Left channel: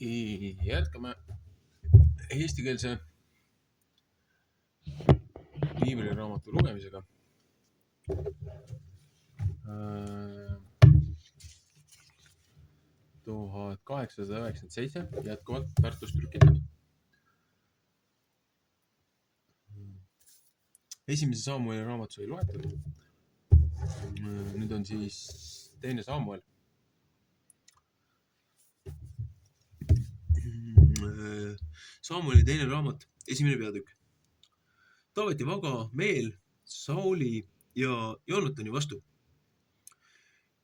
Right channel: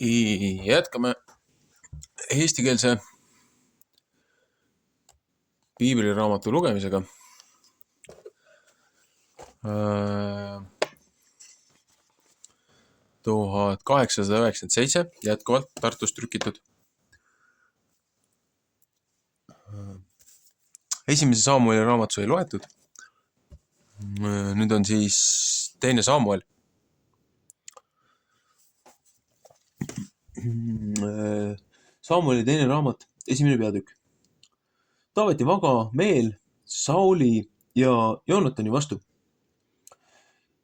Jätkame eestikeelse piibliraamatu lugemisega. 1897 jätkuvalt Tartus trükitud. Esimese Saamueli raamat sai loetud. Nüüd on siis teine Saamuel. Saamueli teine raamat, esimene peatükk. Taaveti vaga meel Sauli ja Joonatani vastu.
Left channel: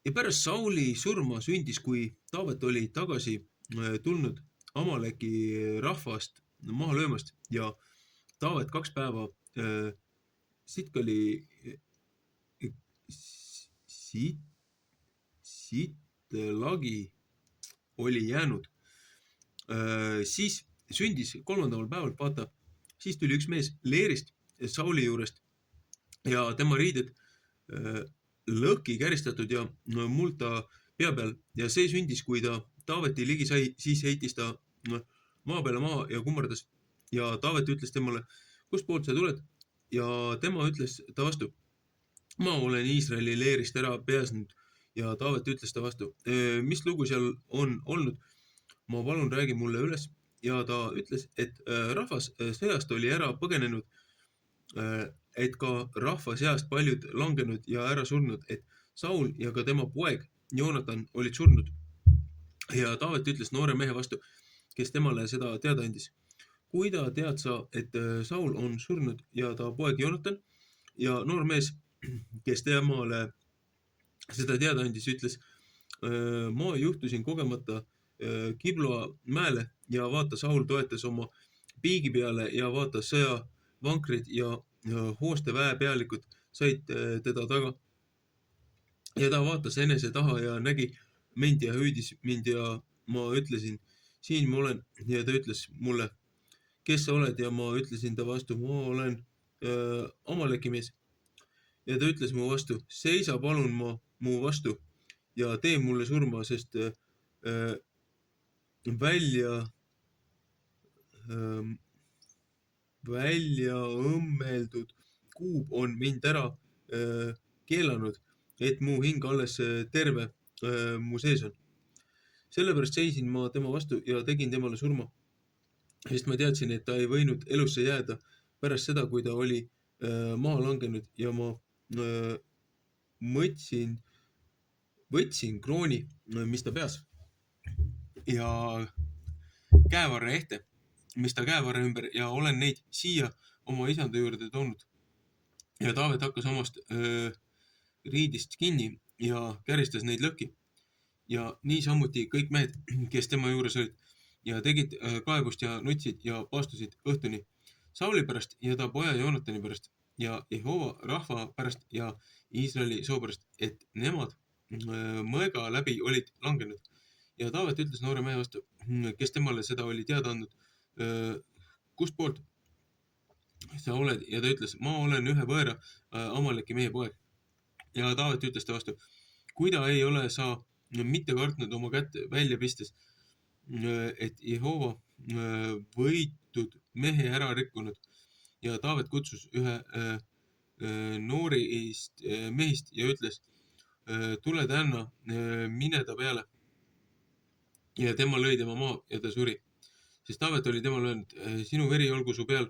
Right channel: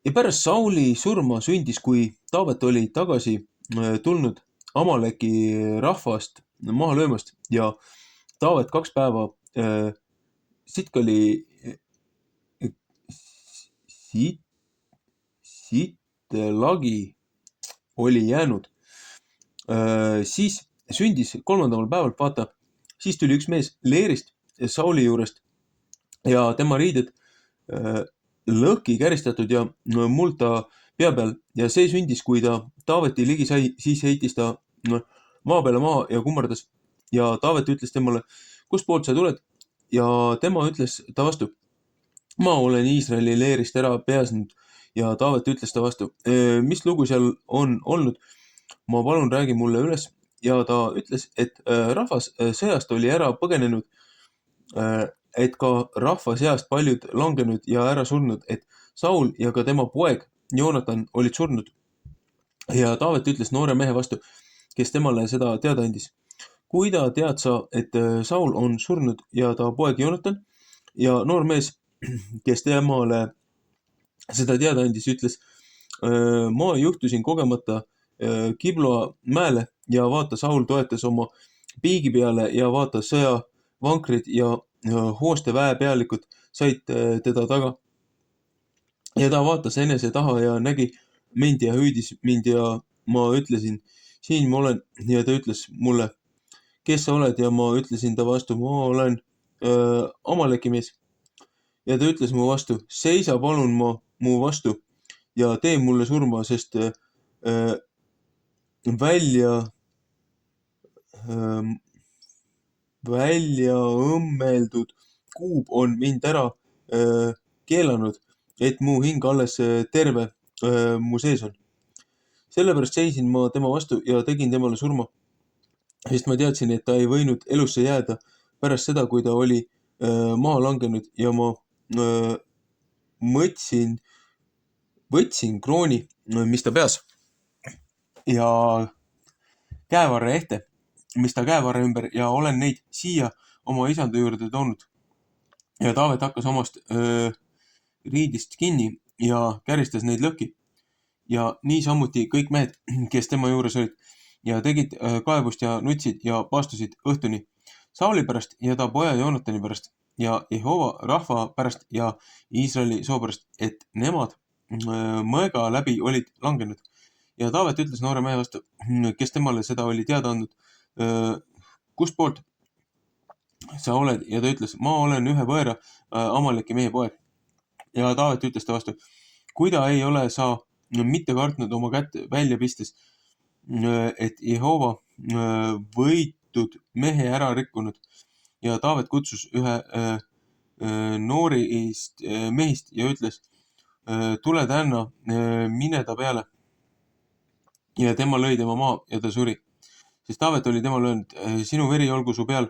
Ja pärast Sauli surma sündis, kui Taavet oli tagasi tulnud Amaleki rahvast maha löömast ja Taavet 2 päeva Sitlagi oli jäänud. Siis sündis 3. päeval, vaata, siis tuli üks mees leerist Sauli juurest ja tema riided lõhki käristatud ja muld ta pea peal ja see sündis, kui ta Taaveti ligi sai, siis heitis ta maa peale maha ja kummardas ja Taavet ütles temale, kust poolt sa tuled? Ja tema ütles ta vastu, ma olen Iisraeli leerist ära pääsenud ja Taavet ütles ta vastu, mis lugu seal on olnud? Ma palun räägi mulle üles ja ta ütles, et rahvas sõjast oli ära põgenenud, et ka rahva seast paljud langenud ja ära surnud, et Saul ja ka tema poeg Joonatan olid surnud. Ja Taavet ütles noore mehe vastu, kes temale seda teada andis. Kuida tead sa, et Saul on surnud ja ta poeg Joonatan? Ja noor mees, kes temale seda teada andis, ütles, ma juhtusin kogemata Kibloa mäele ja vaata, Saul toetas oma piigi peale ja vaata, sõjavankrid ja hooste väepealikud said teda taga. Ja ta vaatas enese taha ja nägi mind ja hüüdis mind ja ma ütlesin, siin ma olen. Ja ta ütles mulle, kes sa oled? Ja ma ütlesin ta vastu, ma olen Amaleki mees. Ja ta ütles mu vastu, seisa palun mu vastu ja tee mulle surma, sest välja õmmeldud kuub on mind ära keelanud, et mu hing alles terve mu sees on. Sellepärast seisin ma tema vastu ja tegin temale surma, sest ma teadsin, et ta ei võinud elusse jääda pärast seda, kui ta oli maha langenud ja ma võtsin krooni, mis ta peas ja käevarre ehte, mis ta käevarre ümber ja olen neid siia oma isanda juurde toonud. Ja Taavet hakkas omast riidist kinni ja käristas neid lõhki. Ja niisamuti kõik mehed, kes tema juures olid ja tegid kaebust ja nutsid ja paastusid õhtuni Sauli pärast ja ta poja Joonatani pärast ja Jehova rahva pärast ja Iisraeli soo pärast, et nemad mõega läbi olid langenud. Ja Taavet ütles noore mehe vastu, kes temale seda oli teada andnud, kust poolt sa oled? Ja ta ütles, ma olen ühe võõra Amaleki mehe poeg. Ja Taavet ütles ta vastu, kui ta ei ole sa mitte kartnud oma kätt välja pistes, et Jehova võitud mehe ära rikkunud. Ja Taavet kutsus ühe noorist mehist ja ütles, tule tänna, mine ta peale. Ja tema lõi tema maha ja ta suri. Sest Taavet oli temale öelnud, sinu veri olgu su peal,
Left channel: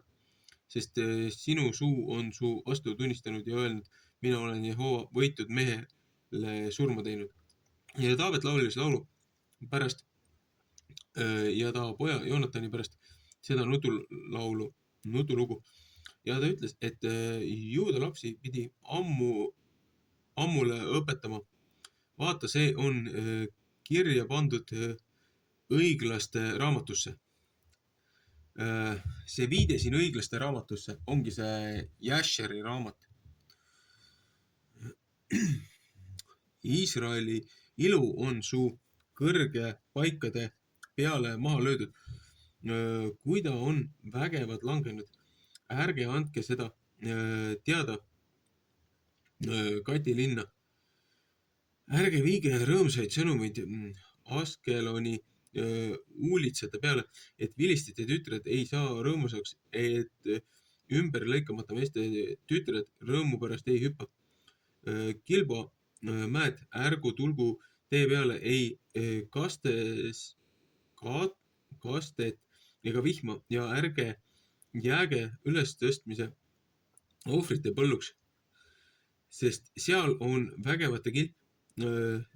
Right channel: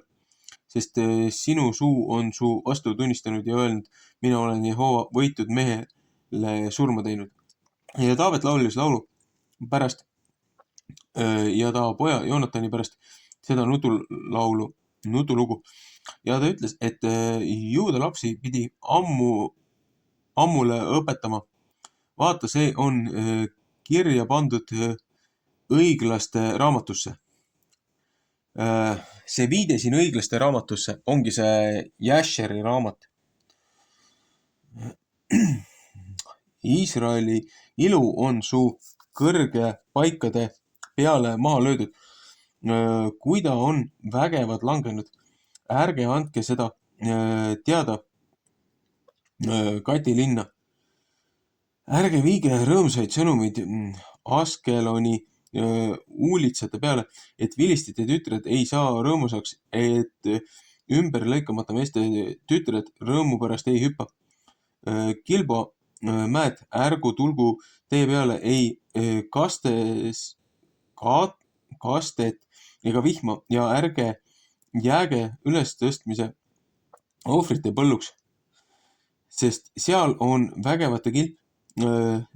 sest sinu suu on su vastu tunnistanud ja öelnud, mina olen Jehova võitud mehele surma teinud. Ja Taavet laulis laulu pärast ja ta poja Joonatani pärast seda nutulugu. Ja ta ütles, et juuda lapsi pidi ammule õpetama. Vaata, see on kirja pandud õiglaste raamatusse. See viide siin õiglaste raamatusse ongi see Jasheri raamat. Iisraeli ilu on su kõrge paikade peale maha löödud. Kui ta on vägevad langenud, ärge andke seda teada Kati linna. Ärge viige rõõmsaid sõnumeid Askeloni huulitsate peale, et vilistite tütred ei saa rõõmusaks, et ümberlõikamata meeste tütred rõõmu pärast ei hüppa. Kilbo mäed, ärgu tulgu tee peale ei kastet ega vihma ja ärge jääge ülestõstmise ohvrite põlluks, sest seal on vägevate kilp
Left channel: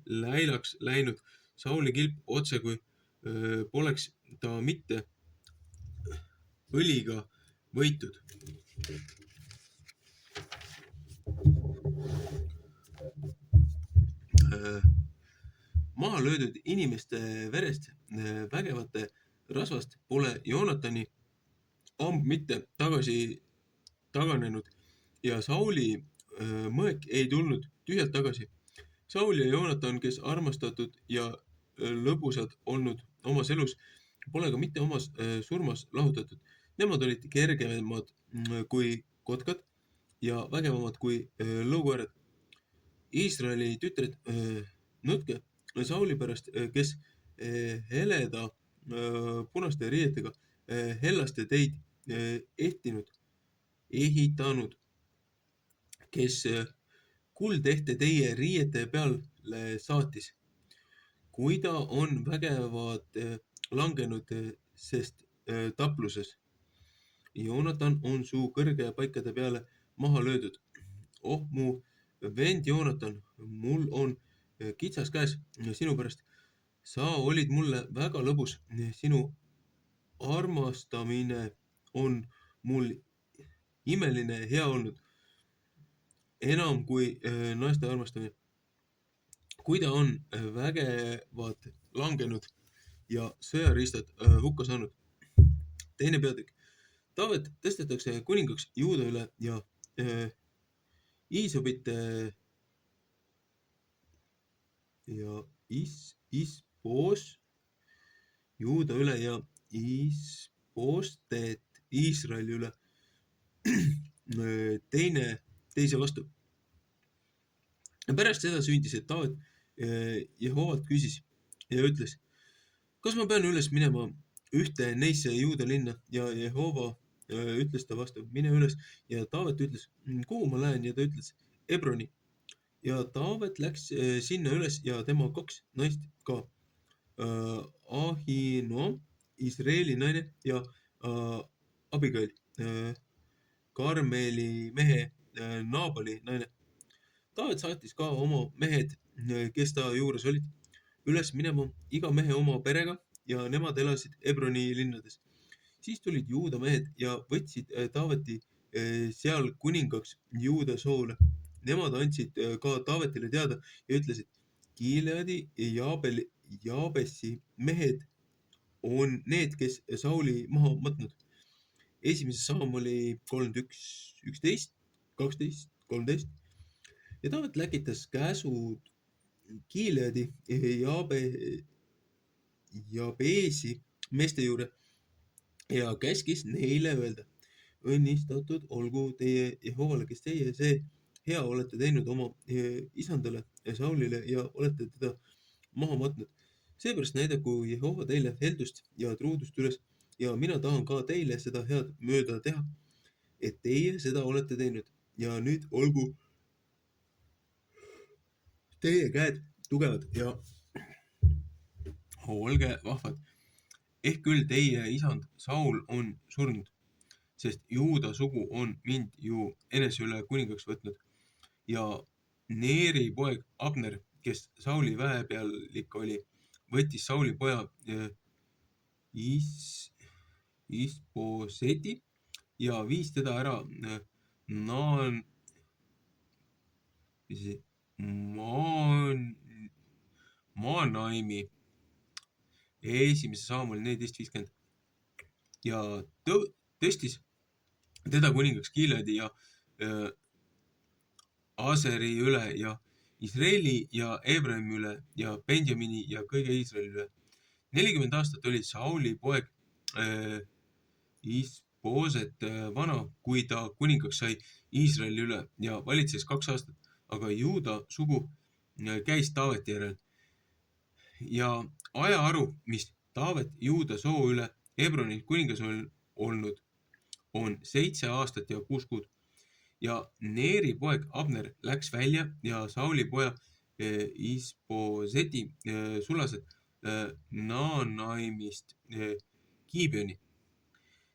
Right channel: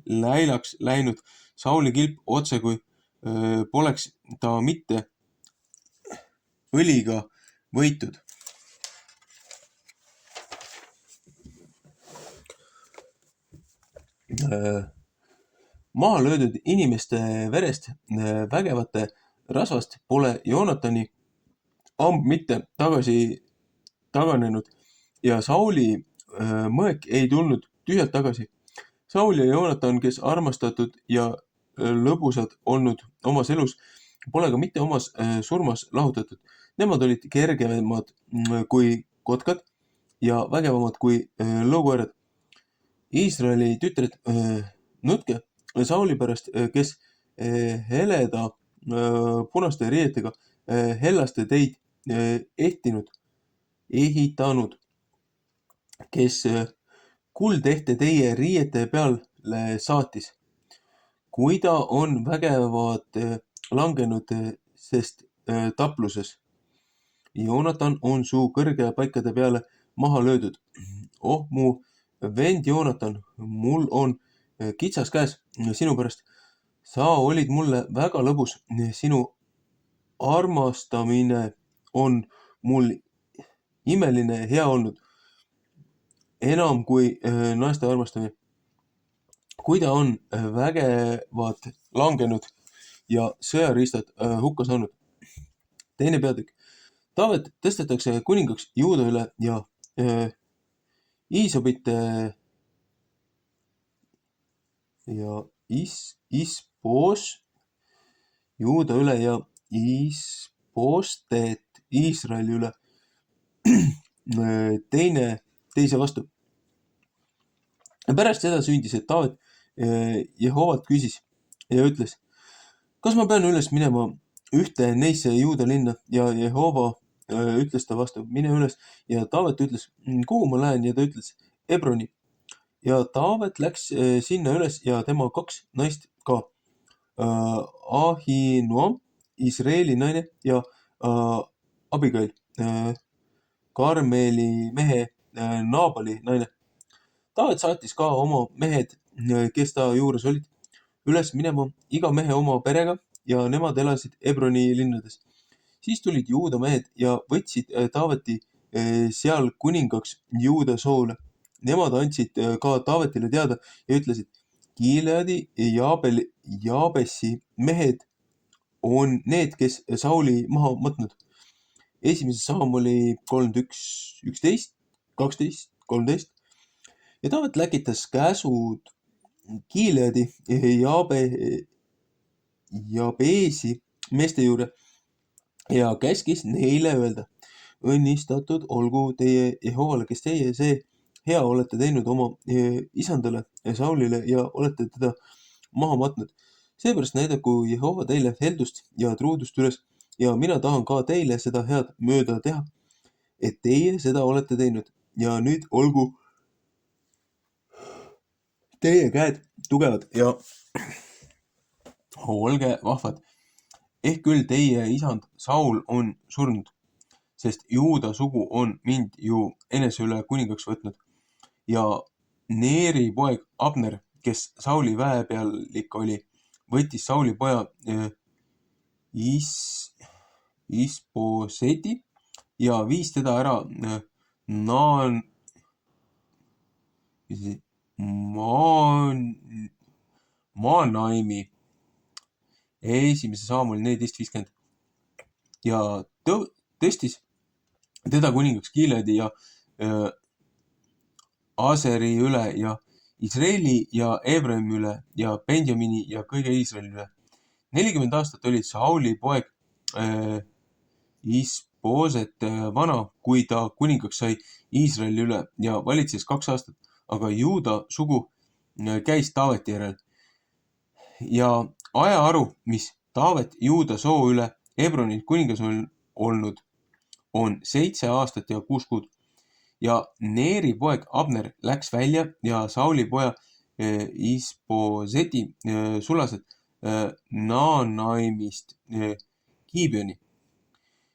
läilaks läinud Sauli kilp otse kui poleks ta mitte õliga võitud. Maha löödud inimeste verest vägevate rasvast pole Joonatani amb mitte tagasi taganenud ja Sauli mõek ei tulnud tühjalt tagasi. Saul ja Joonatan, kes armastatud ja lõbusad olnud omas elus, pole ka mitte omas surmas lahutatud. Nemad olid kergemad kui kotkad ja vägevamad kui lõukoerad. Iisraeli tütred, nutke Sauli pärast, kes heleda punaste riietega hellaste teid ehitanud, kes kuldehte teie riiete peale saatis. Kui ta on vägevad langenud, sest tapluses. Joonatan on su kõrge paikade peale maha löödud. Oh, mu vend Joonatan, mul on kitsas käes sinu pärast. Sa olid mulle väga lõbus. Sinu armastamine on mul imeline hea olnud. Enam kui naiste armastamine. Kui ta on vägevad langenud ja sõjariistad hukka saanud. Teine peatükk. Taavet tõstetakse kuningaks Juuda üle ja Iisobite ja Isboos Juuda üle ja Isboostet Iisraeli üle. Teise vastu. Pärast seda sündis, et Taavet Jehovalt küsis ja ütles, kas ma pean üles minema ühte neisse Juuda linna ja Jehova ütles ta vastu, mine üles ja Taavet ütles, kuhu ma lähen ja ta ütles, Hebroni. Ja Taavet läks sinna üles ja tema 2 naist ka. Ahinoam, Israeli naine ja Abigail, Karmeli mehe Naabali naine. Taavet saatis ka oma mehed, kes ta juures olid, üles minema iga mehe oma perega ja nemad elasid Hebroni linnades. Siis tulid Juuda mehed ja võtsid Taaveti seal kuningaks Juuda soole. Nemad andsid ka Taavetile teada ja ütlesid, Gileadi ja Jaabesi mehed on need, kes Sauli maha matnud. 1. Saamuli 31, 11, 12, 13. Ja Taavet läkitas käsud Gileadi Jaabesi meeste juurde ja käskis neile öelda, õnnistatud olgu teie Jehovale, kes teie see hea olete teinud oma isandale Saulile ja olete teda maha matnud. Seepärast näidaku Jehova teile heldust ja truudust üles ja mina tahan ka teile seda head mööda teha, et teie seda olete teinud ja nüüd olgu teie käed tugevad ja olge vahvad. Ehk küll teie isand Saul on surnud, sest Juuda sugu on mind ju enese üle kuningaks võtnud. Ja Neeri poeg Abner, kes Sauli väepealik oli, võttis Sauli poja Isboseti ja viis teda ära Maanaimi. 1. Saamul 14.50 ja tõstis teda kuningaks Gileadi ja Aseri üle ja Israeli ja Efraimi üle ja Benjamini ja kõige Iisraeli üle. 40 aastat oli Sauli poeg Isboset vana, kui ta kuningaks sai Iisraeli üle ja valitses 2 aastat, aga Juuda sugu käis Taaveti järel. Ja ajaharu, mis Taavet Juuda soo üle Hebronil kuningas olnud on 7 aastat ja 6 kuud. Ja Neeri poeg Abner läks välja ja Sauli poja Isboseti sulased Naanaimist Gibeoni.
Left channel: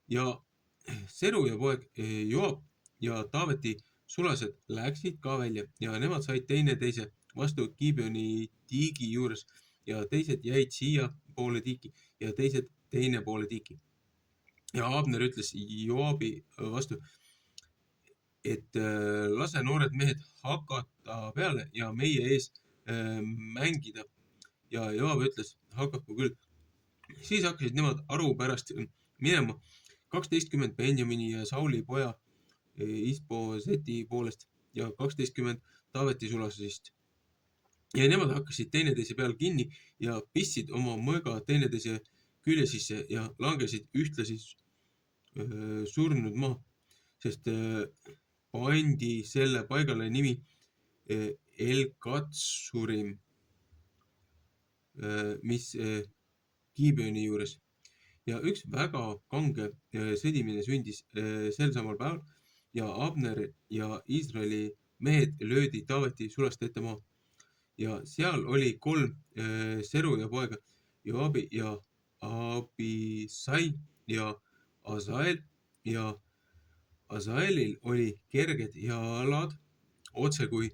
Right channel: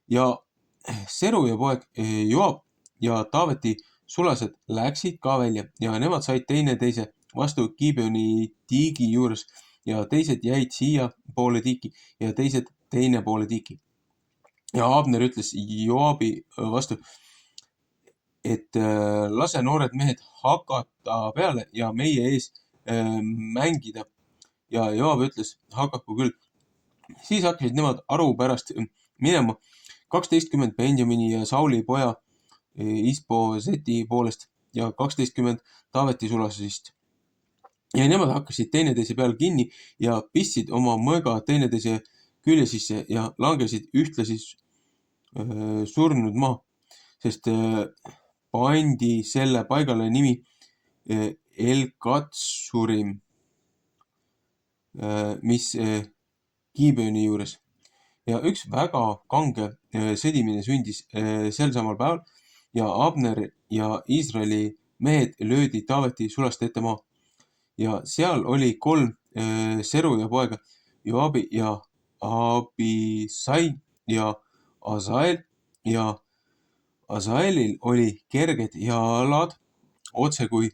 Ja Seruja poeg Joab ja Taaveti sulased läksid ka välja ja nemad said teineteise vastu Gibeoni tiigi juures ja teised jäid siia poole tiiki ja teised teine poole tiiki. Ja Abner ütles Joabi vastu, et lase noored mehed hakata peale ja meie ees mängida. Ja Joab ütles, hakaku küll. Siis hakkasid nemad aru pärast minema 12 Benjamini ja Sauli poja Isboseti poolest ja 12 Taaveti sulasest. Ja nemad hakkasid teineteise peal kinni ja pistsid oma mõõga teineteise külje sisse ja langesid ühtlasi surnud maha, sest pandi selle paigale nimi El-Katsurim, mis Gibeoni juures. Ja üks väga kange sõdimine sündis sel samal päeval ja Abner ja Iisraeli mehed löödi Taaveti sulaste ette maha. Ja seal oli 3 Seruja poega, Joabi ja Abisai ja Asael ja Asaelil oli kerged jalad otse kui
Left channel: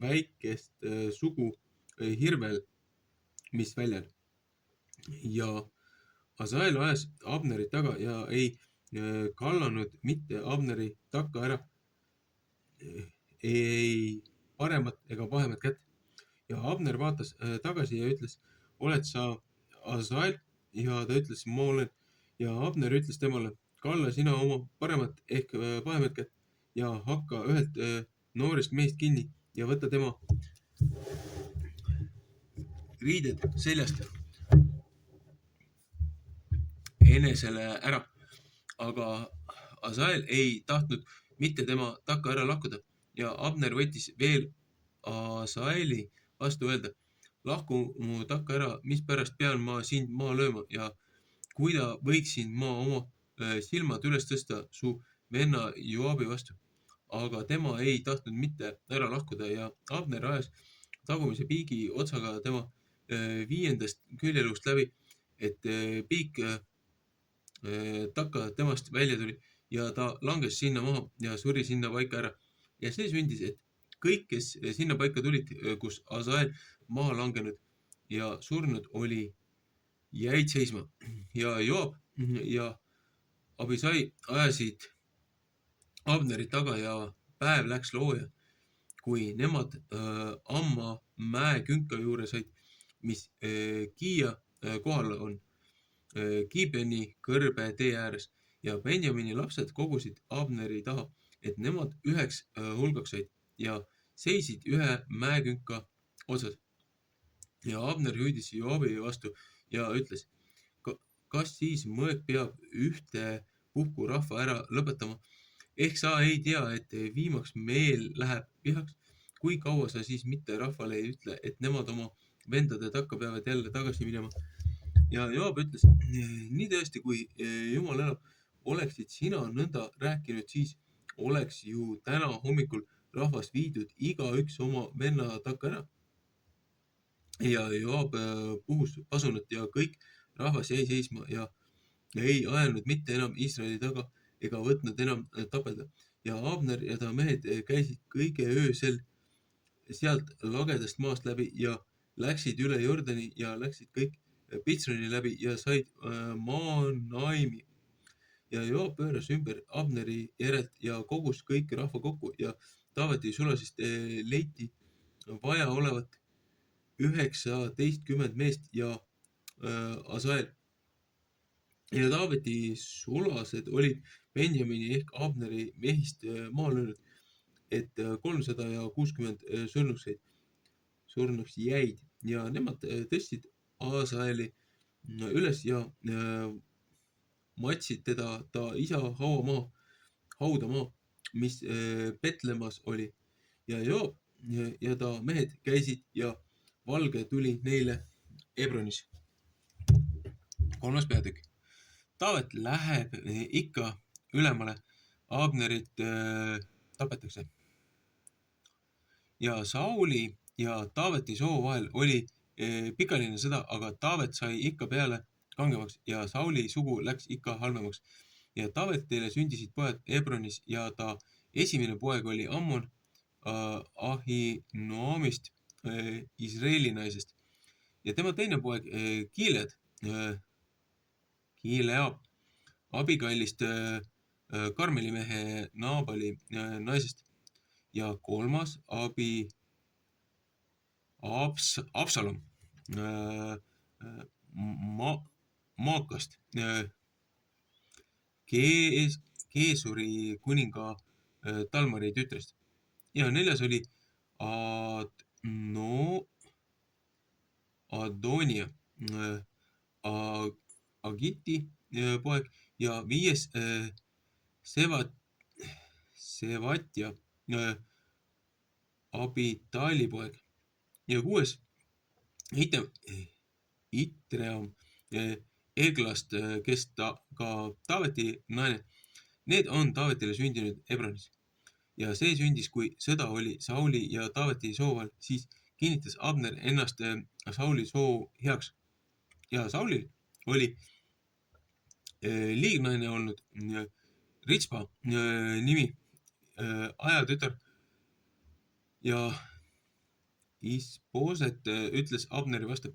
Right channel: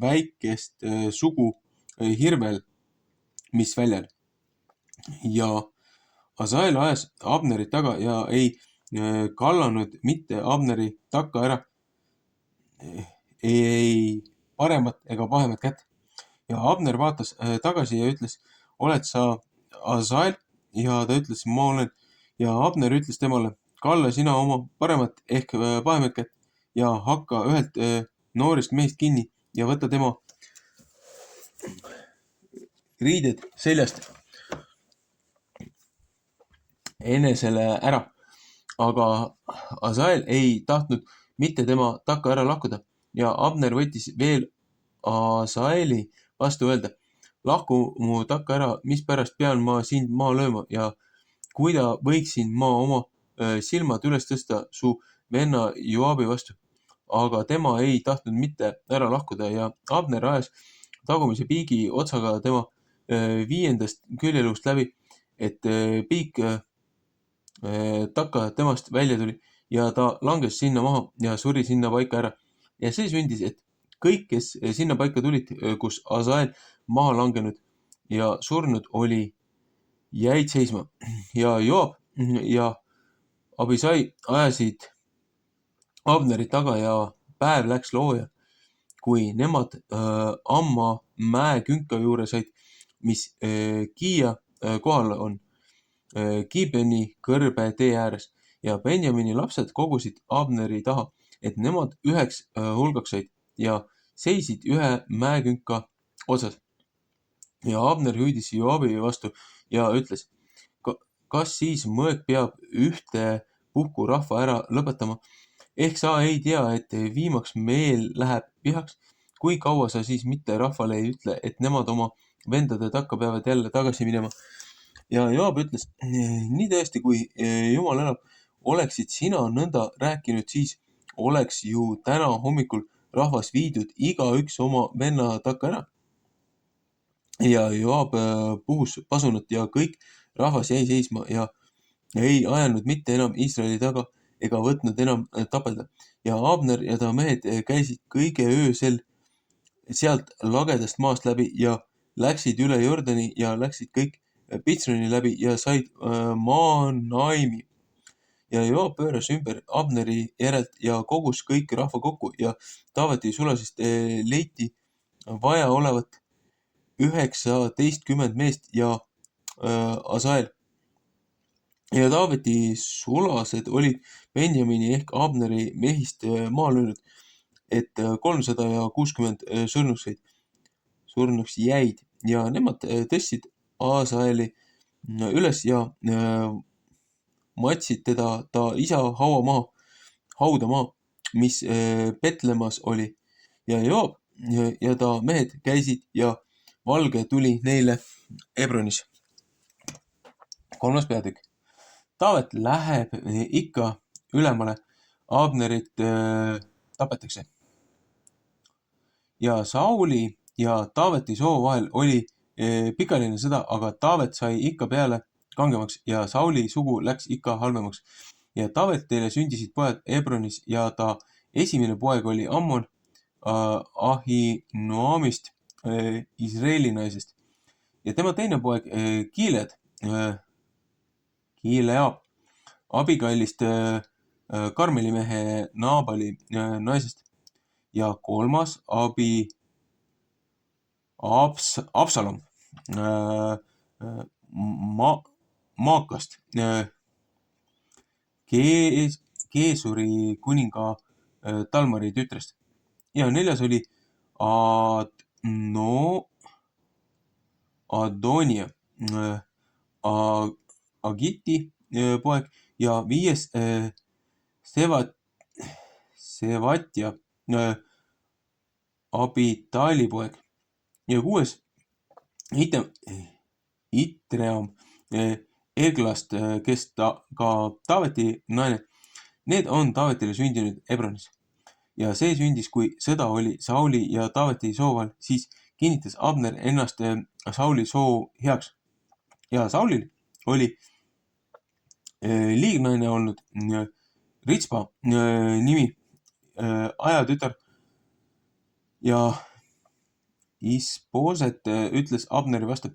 väikest sugu hirvel, mis väljal. Ja Asael ajas Abnerit taga ja ei kallanud mitte Abneri takka ära ei paremat ega pahemat kätt. Ja Abner vaatas tagasi ja ütles, oled sa Asael? Ja ta ütles, ma olen. Ja Abner ütles temale, kalla sina oma paremat ehk pahemat kätt ja hakka ühelt noorest mehest kinni ja võta tema riided seljast enesele ära. Aga Asael ei tahtnud mitte tema takka ära lakkuda ja Abner võttis veel Asaeli vastu öelda, lahku mu takka ära, mispärast pean ma sind maha lööma ja kuida võiksin ma oma silmad üles tõsta su venna Joabi vastu. Aga tema ei tahtnud mitte ära lahkuda ja Abner ajas tagumise piigi otsaga tema 5. küljeluust läbi, et piik takka temast välja tuli ja ta langes sinna maha ja suri sinna paika ära. Ja see sündis, et kõik, kes sinna paika tulid, kus Asael maha langenud ja surnud oli, jäid seisma. Ja Joab ja Abisai ajasid Abneri taga ja päev läks looja, kui nemad Amma mäekünka juurde said, mis Kiia kohal on, Gibeoni kõrbe tee ääres. Ja Benjamini lapsed kogusid Abneri taha, et nemad üheks hulgaks said ja seisid ühe mäekünka otsas. Ja Abner hüüdis Joabi vastu ja ütles, kas siis mõõk peab ühte puhku rahva ära lõpetama? Ehk sa ei tea, et viimaks meel läheb vihaks? Kui kaua sa siis mitte rahvale ei ütle, et nemad oma vendade takka peavad jälle tagasi minema? Ja Joab ütles, nii tõesti, kui Jumal elab, oleksid sina nõnda rääkinud, siis oleks ju täna hommikul rahvas viidud igaüks oma venna takka ära. Ja Joab puhus pasunat ja kõik rahvas jäi seisma ja ei ajanud mitte enam Iisraeli taga ega võtnud enam tapelda. Ja Abner ja ta mehed käisid kõige öösel sealt lagedast maast läbi ja läksid üle Jordani ja läksid kõik Pitsroni läbi ja said Maanaimi. Ja Joab pööras ümber Abneri järelt ja kogus kõik rahva kokku ja Taaveti sulasest leiti vaja olevat 19 meest ja Asael. Ja Taaveti sulased olid Benjamini ehk Abneri mehist maha löönud, et 360 surnuks jäid ja nemad tõstsid Asaeli üles ja matsid teda ta isa hauda maha, mis Petlemas oli. Ja Joab ja ta mehed käisid ja valge tuli neile Hebronis. 3. peatükk. Taavet läheb ikka ülemale, Abnerit tapetakse. Ja Sauli ja Taaveti soo vahel oli pikaline sõda, aga Taavet sai ikka peale kangemaks ja Sauli sugu läks ikka halvemaks. Ja Taavetile sündisid pojad Ebronis ja ta esimene poeg oli Ammon Ahinoamist, Izraeli naisest. Ja tema teine poeg Gileab, Abigailist Karmeli mehe Naabali naisest. Ja kolmas Absalom Maakast, Geesuri kuninga Talmari tütrest. Ja neljas oli Adonia, Agiti poeg ja viies Sevatja, Abitali poeg ja kuues Itream Eglast, kes ka Taaveti naine. Need on Taavetile sündinud Ebronis. Ja see sündis, kui sõda oli Sauli ja Taaveti sooval, siis kinnitas Abner ennast Sauli soo heaks. Ja Saulil oli liignaine olnud Ritspa nimi, ajatütar. Ja Isboset ütles Abneri vastu,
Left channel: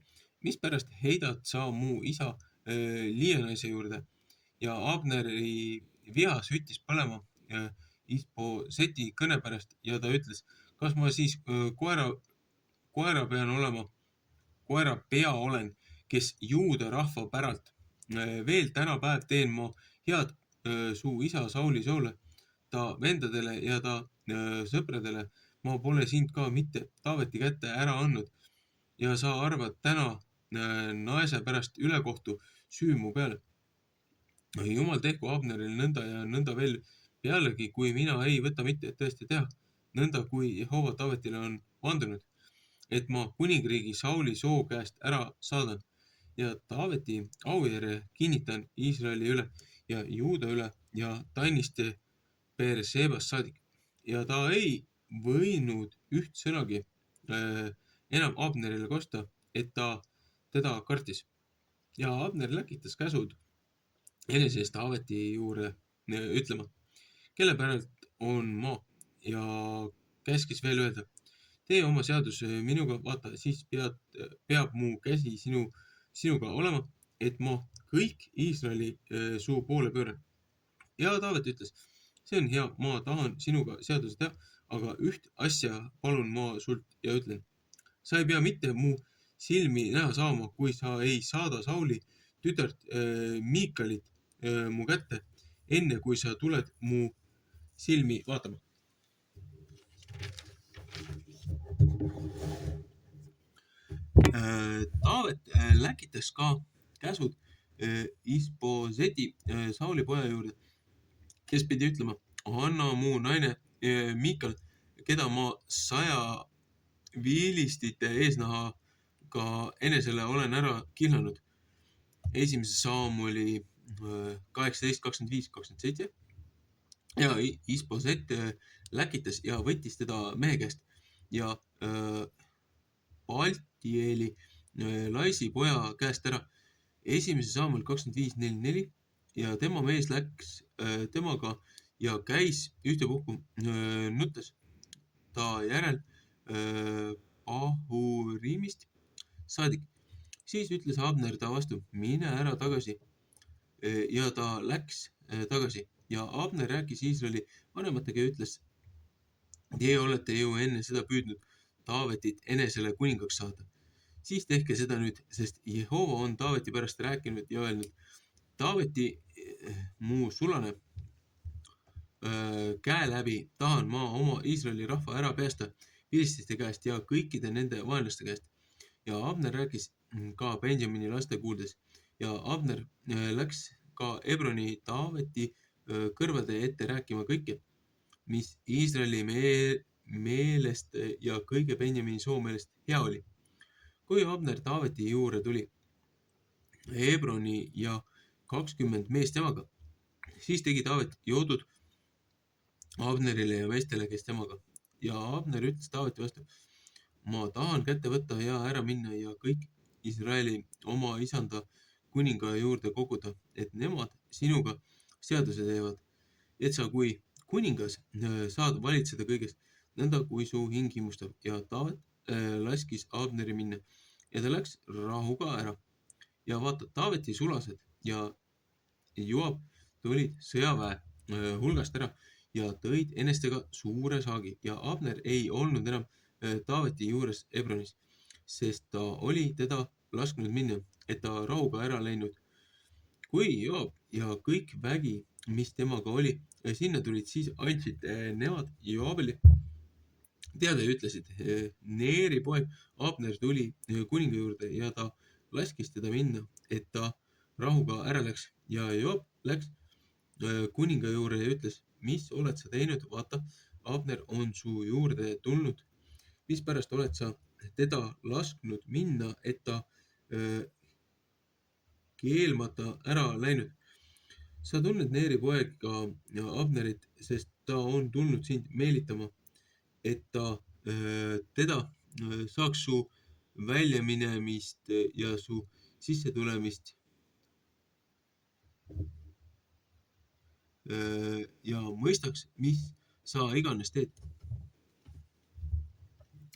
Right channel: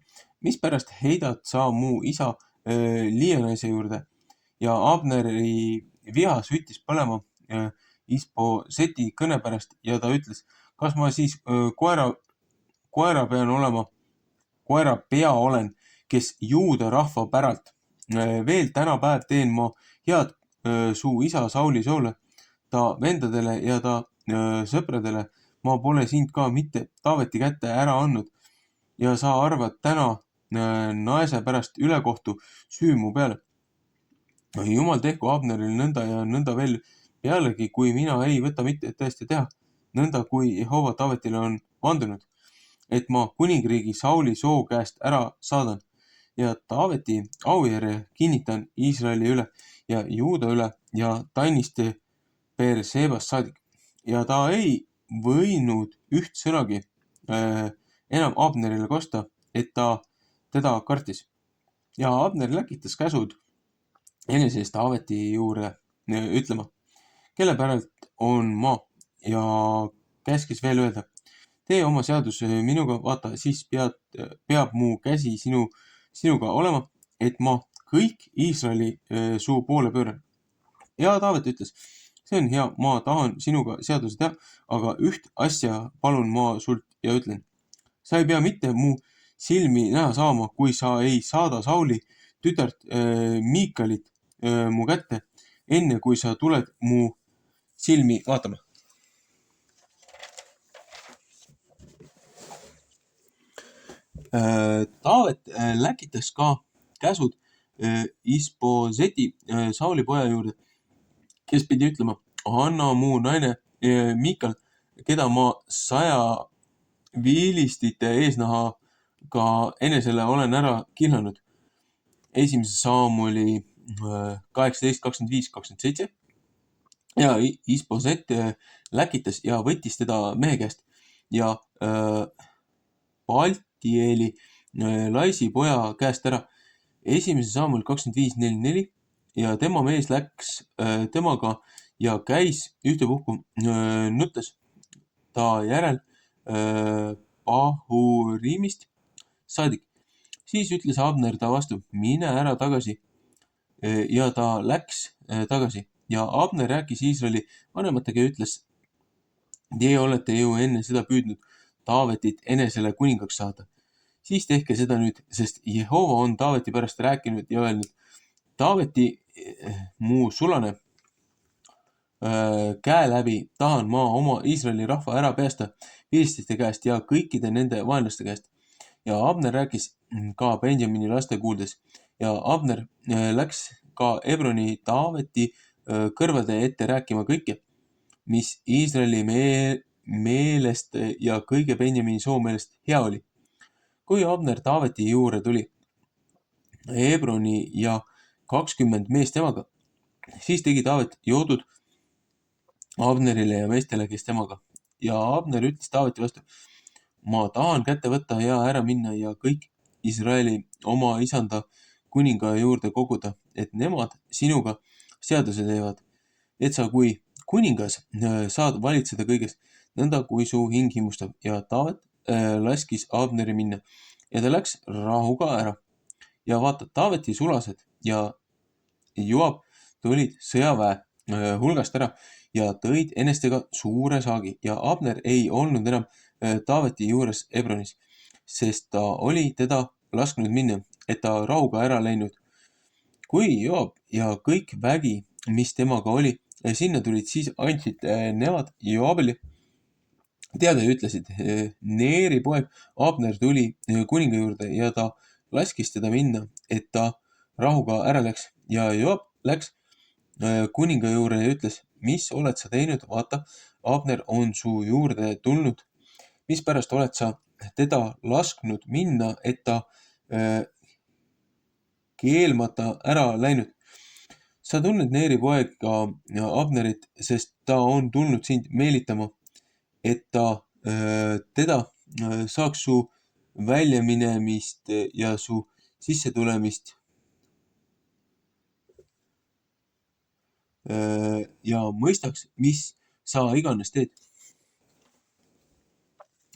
mispärast heidad sa mu isa liianaise juurde? Ja Abneri viha süttis põlema Isboseti kõne pärast ja ta ütles, kas ma siis koerapea olen, kes juuda rahva päralt. Veel tänapäev teen ma head su isa Sauli soole, ta vendadele ja ta sõpradele. Ma pole sind ka mitte Taaveti kätte ära andnud ja sa arvad täna naise pärast ülekohtu süü mu peale. Jumal tehku Abneril nõnda ja nõnda veel pealegi, kui mina ei võta mitte tõesti teha, nõnda kui Jehova Taavetile on vandunud, et ma kuningriigi Sauli soo käest ära saadan ja Taaveti aujärje kinnitan Iisraeli üle ja Juuda üle ja Tannist Beershebast saadik. Ja ta ei võinud üht sõnagi enam Abnerile kosta, et ta teda kartis. Ja Abner läkitas käsud enese eest Taaveti juurde ütlema, kelle päralt on ma, ja käskis veel öelda, tee oma seadus minuga, vaata, siis peab mu käsi sinuga olema, et ma kõik Iisraeli suu poole pööran. Ja Taavet ütles, see on hea, ma tahan sinuga seaduse teha, aga üht asja palun ma sult ja ütlen. Sa ei pea mitte mu silmi näha saama, kui sa ei saada Sauli tütart Miikalit mu kätte, enne kui sa tuled mu silmi vaatama. Taavet läkitas ka käsud Isboseti Sauli poja juurde, kes pidi ütlema, anna mu naine Miikal, keda ma 100 viilistite eesnahaga enesele olen ära kihlanud. 1. Saamuli 18:25-27. Ja Isboset läkitas ja võttis teda mehe käest ja Paltieli Laisi poja käest ära. 1. Saamul 25:44 ja tema mees läks temaga ja käis ühtepuhku nuttes ta järel Bahurimist saadik. Siis ütles Abner ta vastu, mine ära tagasi. Ja ta läks tagasi ja Abner rääkis Iisraeli vanematega ja ütles, teie olete ju enne seda püüdnud Taavetit enesele kuningaks saada. Siis tehke seda nüüd, sest Jehova on Taaveti pärast rääkinud ja öelnud, Taaveti mu sulane käe läbi tahan ma oma Iisraeli rahva ära päästa filististe käest ja kõikide nende vaenlaste käest. Ja Abner rääkis ka Benjamini laste kuuldes ja Abner läks ka Ebroni Taaveti kõrvade ette rääkima kõike, mis Iisraeli meelest ja kõige Benjamini soo meelest hea oli. Kui Abner Taaveti juurde tuli, Hebroni ja 20 meest temaga. Siis tegi Taavet joodud Abnerile ja meestele, kes temaga. Ja Abner ütles Taaveti vastu, ma tahan kätte võtta ja ära minna ja kõik Iisraeli oma isanda kuninga juurde koguda, et nemad sinuga seaduse teevad, et sa kui kuningas saad valitseda kõigest, nõnda kui su hing himustab. Ja Taavet laskis Abneri minna ja ta läks rahuga ära. Ja vaata, Taaveti sulased ja Joab tulid sõjaväe hulgast ära ja tõid enestega suure saagi ja Abner ei olnud enam Taaveti juures Hebronis, sest ta oli teda lasknud minna, et ta rahuga ära läinud. Kui Joab ja kõik vägi, mis temaga oli, sinna tulid, siis andsid nemad Joabile teada ja ütlesid, Neeri poeg Abner tuli kuninga juurde ja ta laskis teda minna, et ta rahuga ära läks. Ja Joab läks kuninga juurde ja ütles, mis oled sa teinud? Vaata, Abner on su juurde tulnud. Mispärast oled sa teda lasknud minna, et ta keelmata ära läinud? Sa tunned Neeri poega Abnerit, sest ta on tulnud sind meelitama, et ta teda saaks su väljaminemist ja su sissetulemist ja mõistaks, mis sa iganes teed.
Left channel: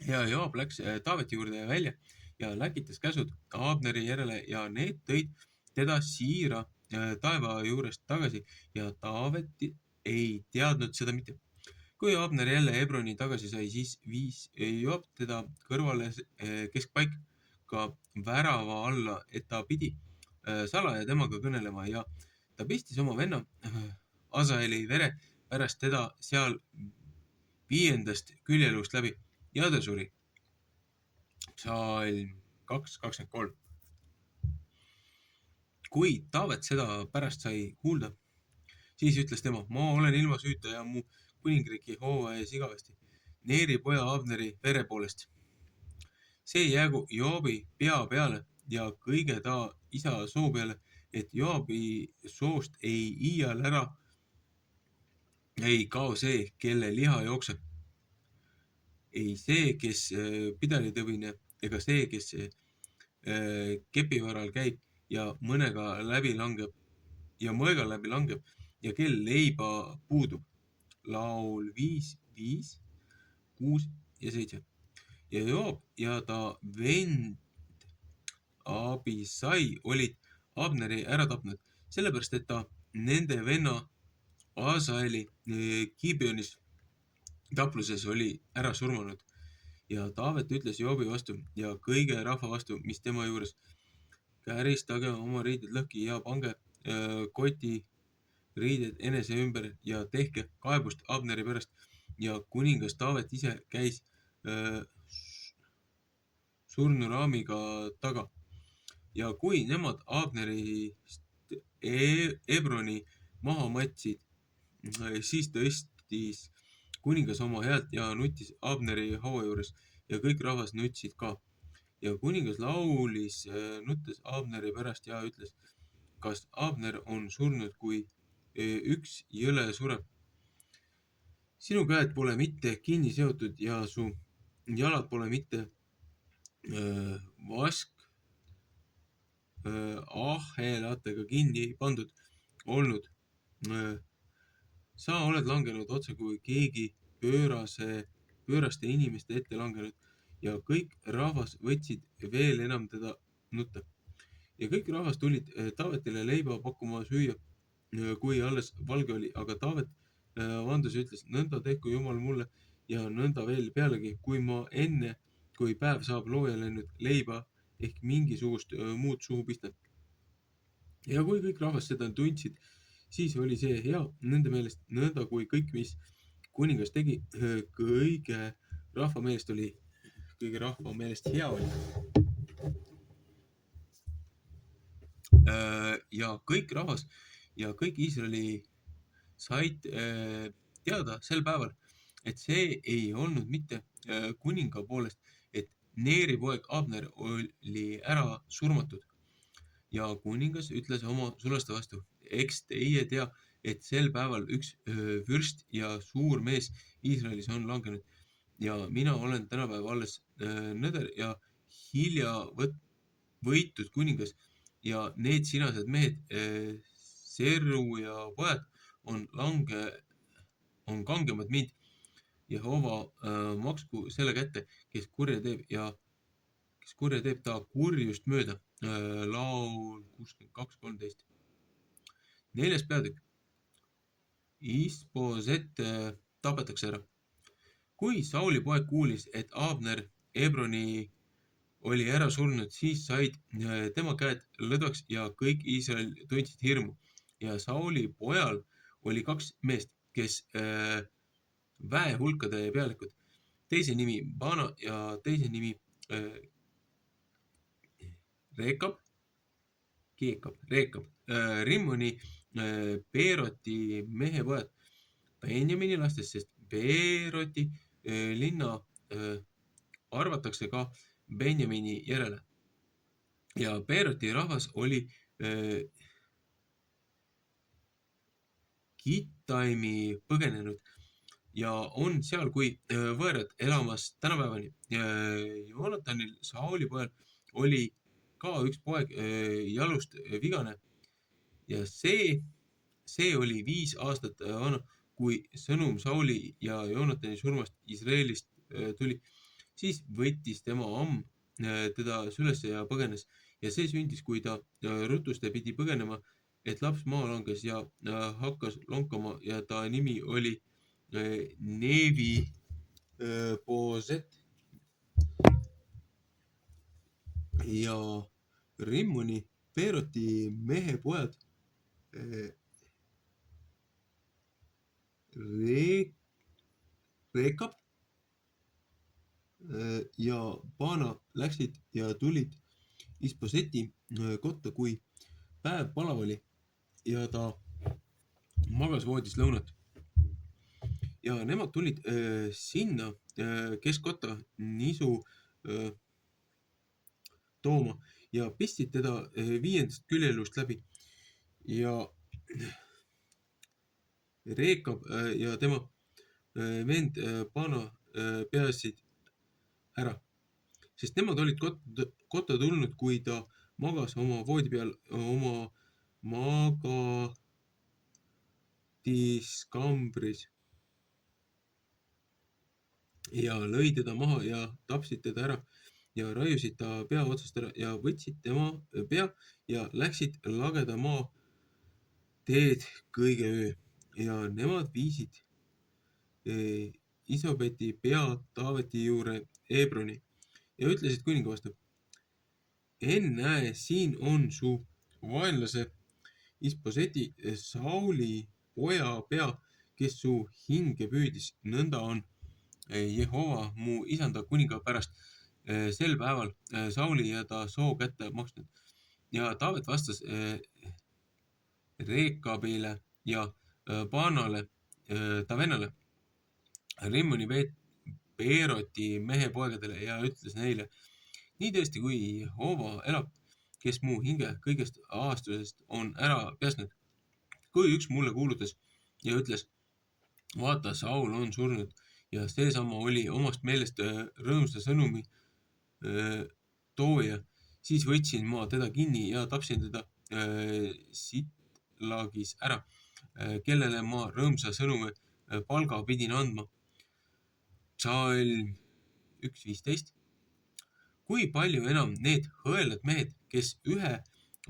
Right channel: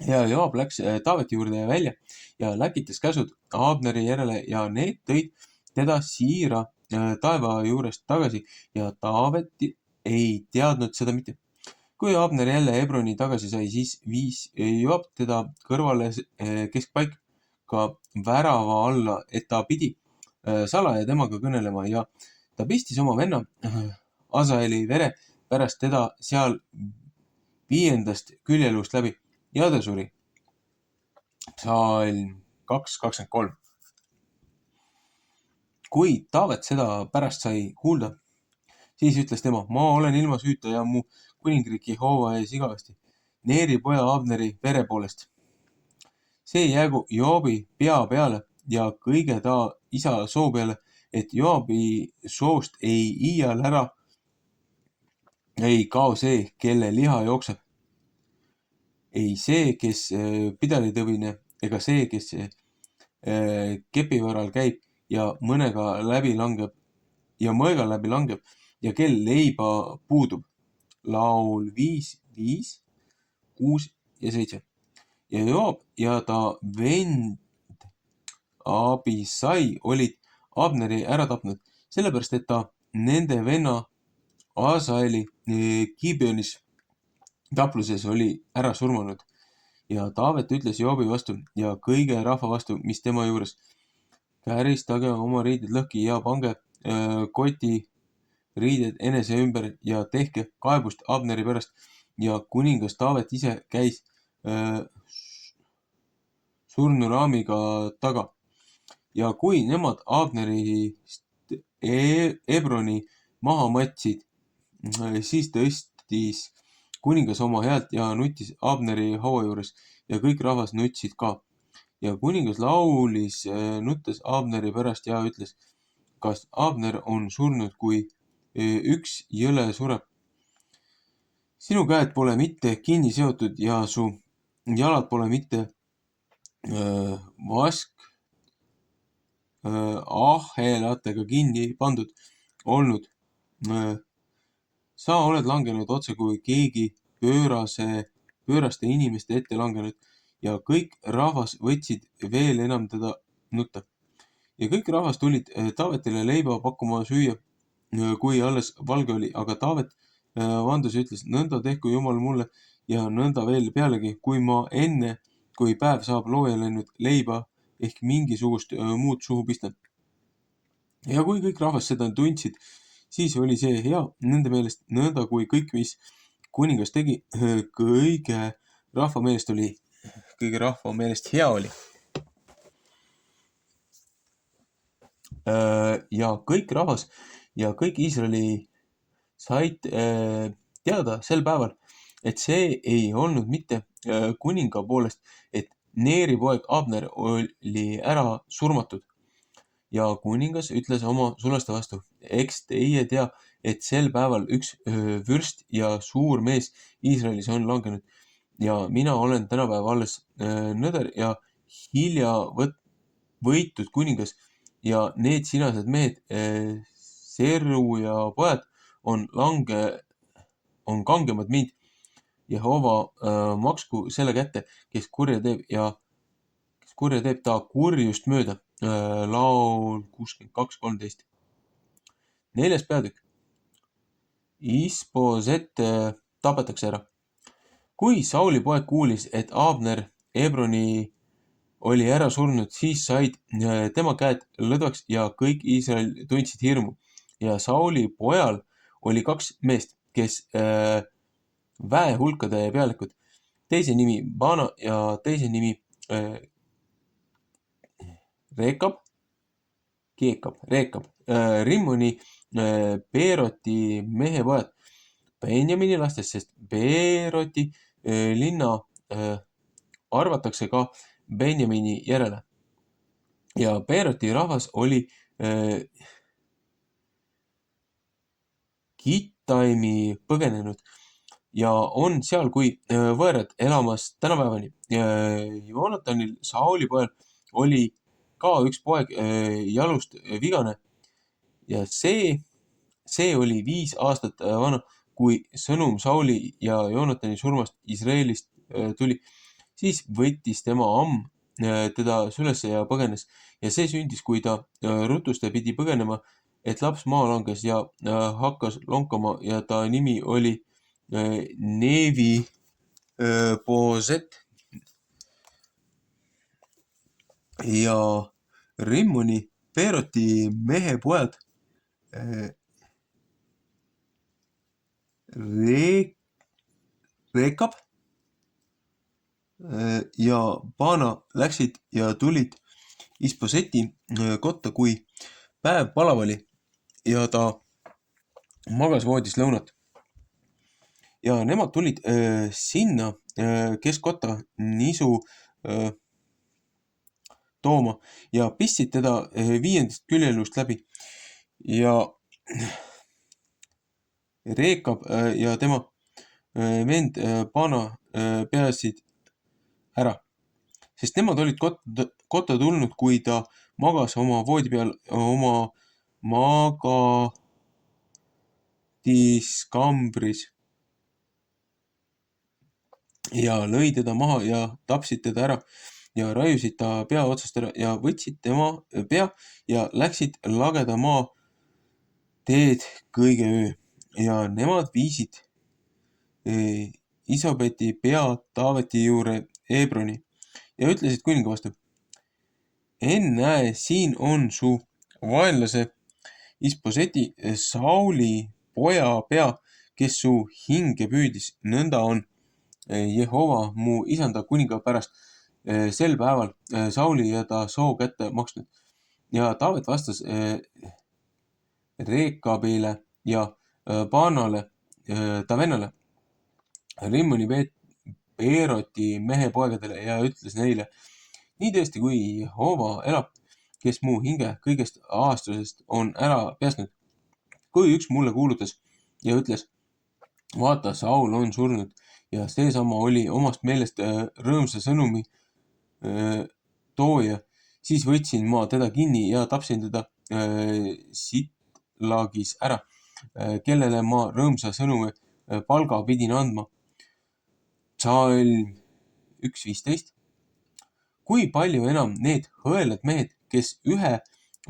Ja Joab läks Taaveti juurde välja ja läkitas käsud Abneri järele ja need tõid teda siira taeva juurest tagasi ja Taavet ei teadnud seda mitte. Kui Abner jälle Hebroni tagasi sai, siis viis Joab teda kõrvale keskpaika värava alla, et ta pidi salaja temaga kõnelema ja ta pistis oma venna Asaeli vere pärast teda seal 5. küljeluust läbi ja ta suri. Psalm 2:23. Kui Taavet seda pärast sai kuulda, siis ütles tema, ma olen ilma süüta ja mu kuningriik Jehova ees igavesti, Neeri poja Abneri vere poolest. See jäägu Joobi pea peale ja kõige ta isa soo peale, et Joobi soost ei iial ära ei kao see, kelle liha jookseb. Ei see, kes pidalitõvine, ega see, kes kepivaral käib ja mõnega läbi langeb ja kel leiba puudub. Laul 5, 5, 6 ja 7. Ja Joab ja ta vend Abisai olid Abneri ära tapnud, sellepärast, et ta nende venna Asaeli Gibeonis tapluses oli ära surmanud. Ja Taavet ütles Joobi vastu ja kõige rahva vastu, mis tema juures. Käristage oma riided lõhki ja pange koti riided enese ümber ja tehke kaebust Abneri pärast. Ja kuningas Taavet ise käis surnuraamiga taga. Ja kui nemad Abnerist Hebroni maha matsid, siis tõstis kuningas oma häält ja nutis Abneri haua juures ja kõik rahvas nutsid ka. Ja kuningas laulis nuttes Abneri pärast ja ütles, kas Abner on surnud, kui üks jõle sureb. Sinu käed pole mitte kinni seotud ja su jalad pole mitte ahelatega kinni pandud olnud. Sa oled langenud otse kui keegi pööraste inimeste ette langenud ja kõik rahvas võtsid veel enam teda nutta. Ja kõik rahvas tulid Taavetile leiba pakkuma süüa, kui alles valge oli, aga Taavet vandus ja ütles, nõnda tehku Jumal mulle ja nõnda veel pealegi, kui ma enne, kui päev saab looja läinud leiba ehk mingisugust muud suhu pistan. Ja kui kõik rahvas seda tundsid, siis oli see hea nende meelest, nõnda kui kõik, mis kuningas tegi, kõige rahva meelest hea oli. Ja kõik rahvas ja kõik Iisraeli said teada sel päeval, et see ei olnud mitte kuninga poolest, et Neeri poeg Abner oli ära surmatud, ja kuningas ütles oma sulaste vastu, eks teie tea, et sel päeval üks vürst ja suur mees Iisraelis on langenud ja mina olen tänapäeva alles nõder ja hilja võitud kuningas ja need sinased mehed, Seru ja pojad on kangemad mind. Jehova maksku selle kätte, kes kurja teeb ta kurjust mööda. Laul 62:13. 4. peatükk. Isboset tapetakse ära. Kui Sauli poeg kuulis, et Abner Hebroni oli ära surnud, siis said tema käed lõdvaks ja kõik Iisrael tundsid hirmu. Ja Sauli pojal oli 2 meest, kes väehulkade pealikud. Teise nimi Bana ja teise nimi Reekab. Rimmoni Beeroti mehepojad Benjamini lastest, sest Beeroti linna arvatakse ka Benjamini järele. Ja Beeroti rahvas oli Gittaimi põgenenud ja on seal kui võõrad elamas tänapäevani. Joonatanil, Sauli pojal, oli ka üks poeg jalust vigane ja see oli 5 aastat vana, kui sõnum Sauli ja Joonatani surmast Iisraelist tuli. Siis võttis tema teda sülesse ja põgenes ja see sündis, kui ta rutuste pidi põgenema, et laps maa langes ja hakkas lonkama ja ta nimi oli Neevi Boset. Ja Rimmoni Beeroti mehepojad Reekab ja Bana läksid ja tulid Isboseti kotta, kui päev palav oli ja ta magas voodis lõunat. Ja nemad tulid sinna keskkotta nisu tooma ja pistsid teda 5. küljelust läbi ja Reekab ja tema vend Bana peasid ära, sest nemad olid kotta tulnud, kui ta magas oma voodi peal oma magadiskambris ja lõi teda maha ja tapsid teda ära ja raiusid ta pea otsast ära ja võtsid tema pea ja läksid lageda maa teed kõige öö ja nemad viisid Isabeti pea Taaveti juurde Hebroni ja ütlesid kuninga vastu. Ennäe, siin on su vaenlase Isboseti Sauli poja pea, kes su hinge püüdis. Nõnda on Jehova mu isanda kuninga pärast sel päeval Sauli ja ta soo kätte maksnud. Ja Taavet vastas Reekabile ja Banale, ta vennale, Rimmoni Beeroti mehepoegadele ja ütles neile, nii tõesti, kui Jehova elab, kes mu hinge kõigest ahastusest on ära päästnud. Kui üks mulle kuulutas ja ütles, vaata, Saul on surnud ja seesama oli omast meelest rõõmsa sõnumi tooja, siis võtsin ma teda kinni ja tapsin teda Sitlagis ära, kellele ma rõõmsa sõnumi palga pidin andma. Psalm 1:15. Kui palju enam need hõelad mehed, kes ühe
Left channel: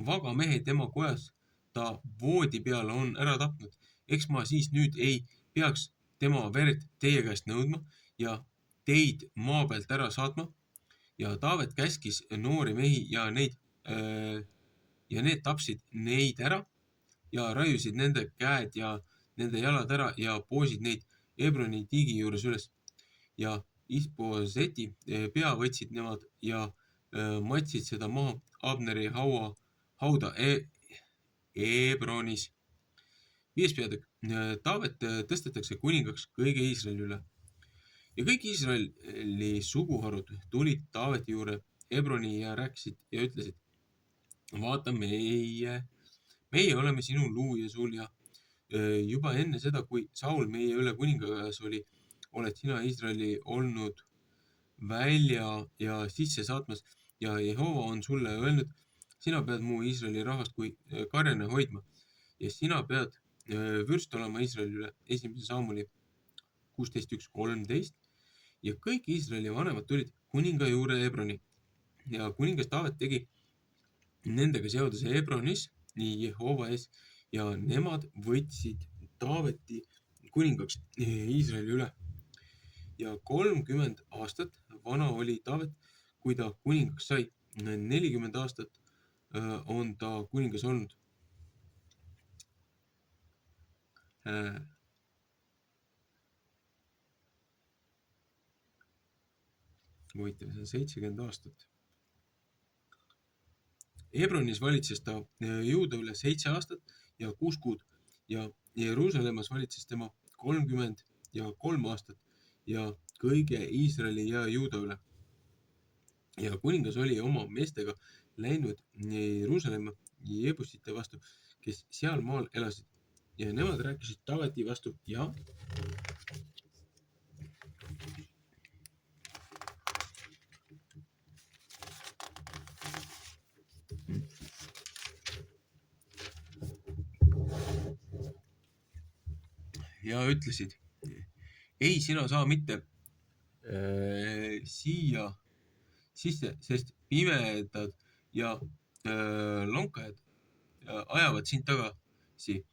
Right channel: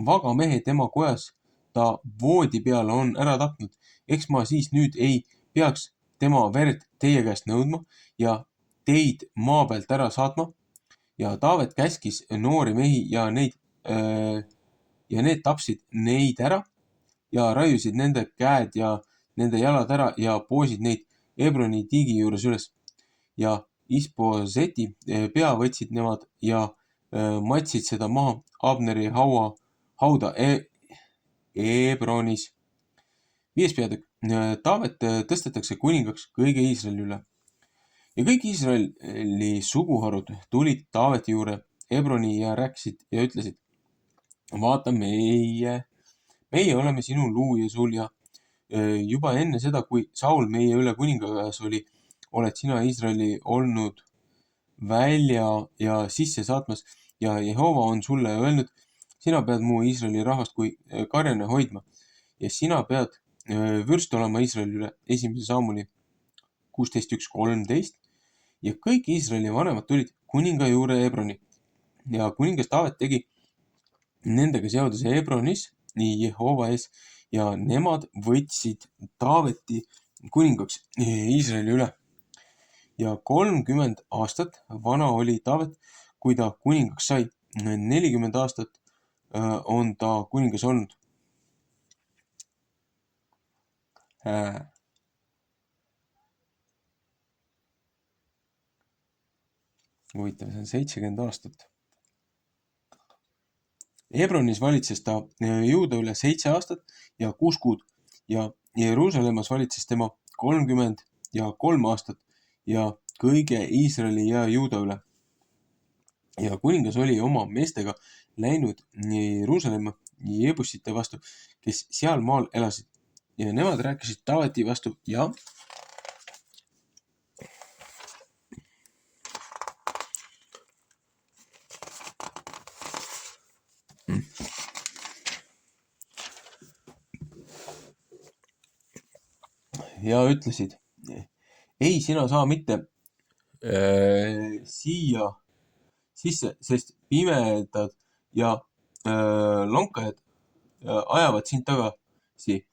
vaga mehe tema kojas ta voodi peal on ära tapnud, eks ma siis nüüd ei peaks tema verd teie käest nõudma ja teid maa pealt ära saatma. Ja Taavet käskis noori mehi ja need tapsid neid ära ja raiusid nende käed ja nende jalad ära ja poosid neid Hebroni tiigi juures üles. Ja Isboseti pea võtsid nemad ja matsid seda maha Abneri hauda Hebronis. 5. peatükk. Taavet tõstetakse kuningaks kõige Iisraeli üle. Ja kõik Iisraeli suguharud tulid Taaveti juurde Hebroni ja rääkisid ja ütlesid, vaata, meie oleme sinu luuja sul ja juba enne seda, kui Saul meie üle kuningas oli, oled sina Iisraeli olnud välja ja sisse saatmas ja Jehova on sulle öelnud, sina pead mu Iisraeli rahvast kui karjane hoidma ja sina pead vürst olema Iisraeli üle. 1. Saamuli 16.1.13 ja kõik Iisraeli vanemad tulid kuninga juurde Hebroni ja kuningas Taavet tegi nendega seaduse Hebronis nii Jehova ees ja nemad võtsid Taaveti kuningaks Iisraeli üle. Ja 30 aastat vana oli Taavet, kui ta kuningaks sai. 40 aastat on ta kuningas olnud. Huvitav, see on 70 aastat. Hebronis valitses ta Juuda üle 7 aastat ja 6 kuud ja Jeruusalemmas valitses tema 33 aastat ja kõige Iisraeli ja Juuda üle. Ja kuningas oli oma meestega läinud Jeruusalemma Jebusite vastu, kes seal maal elasid. Ja nemad rääkisid Taaveti vastu ja ütlesid, ei, sina saa mitte siia sisse, sest pimedad ja lonkajad ajavad sind tagasi,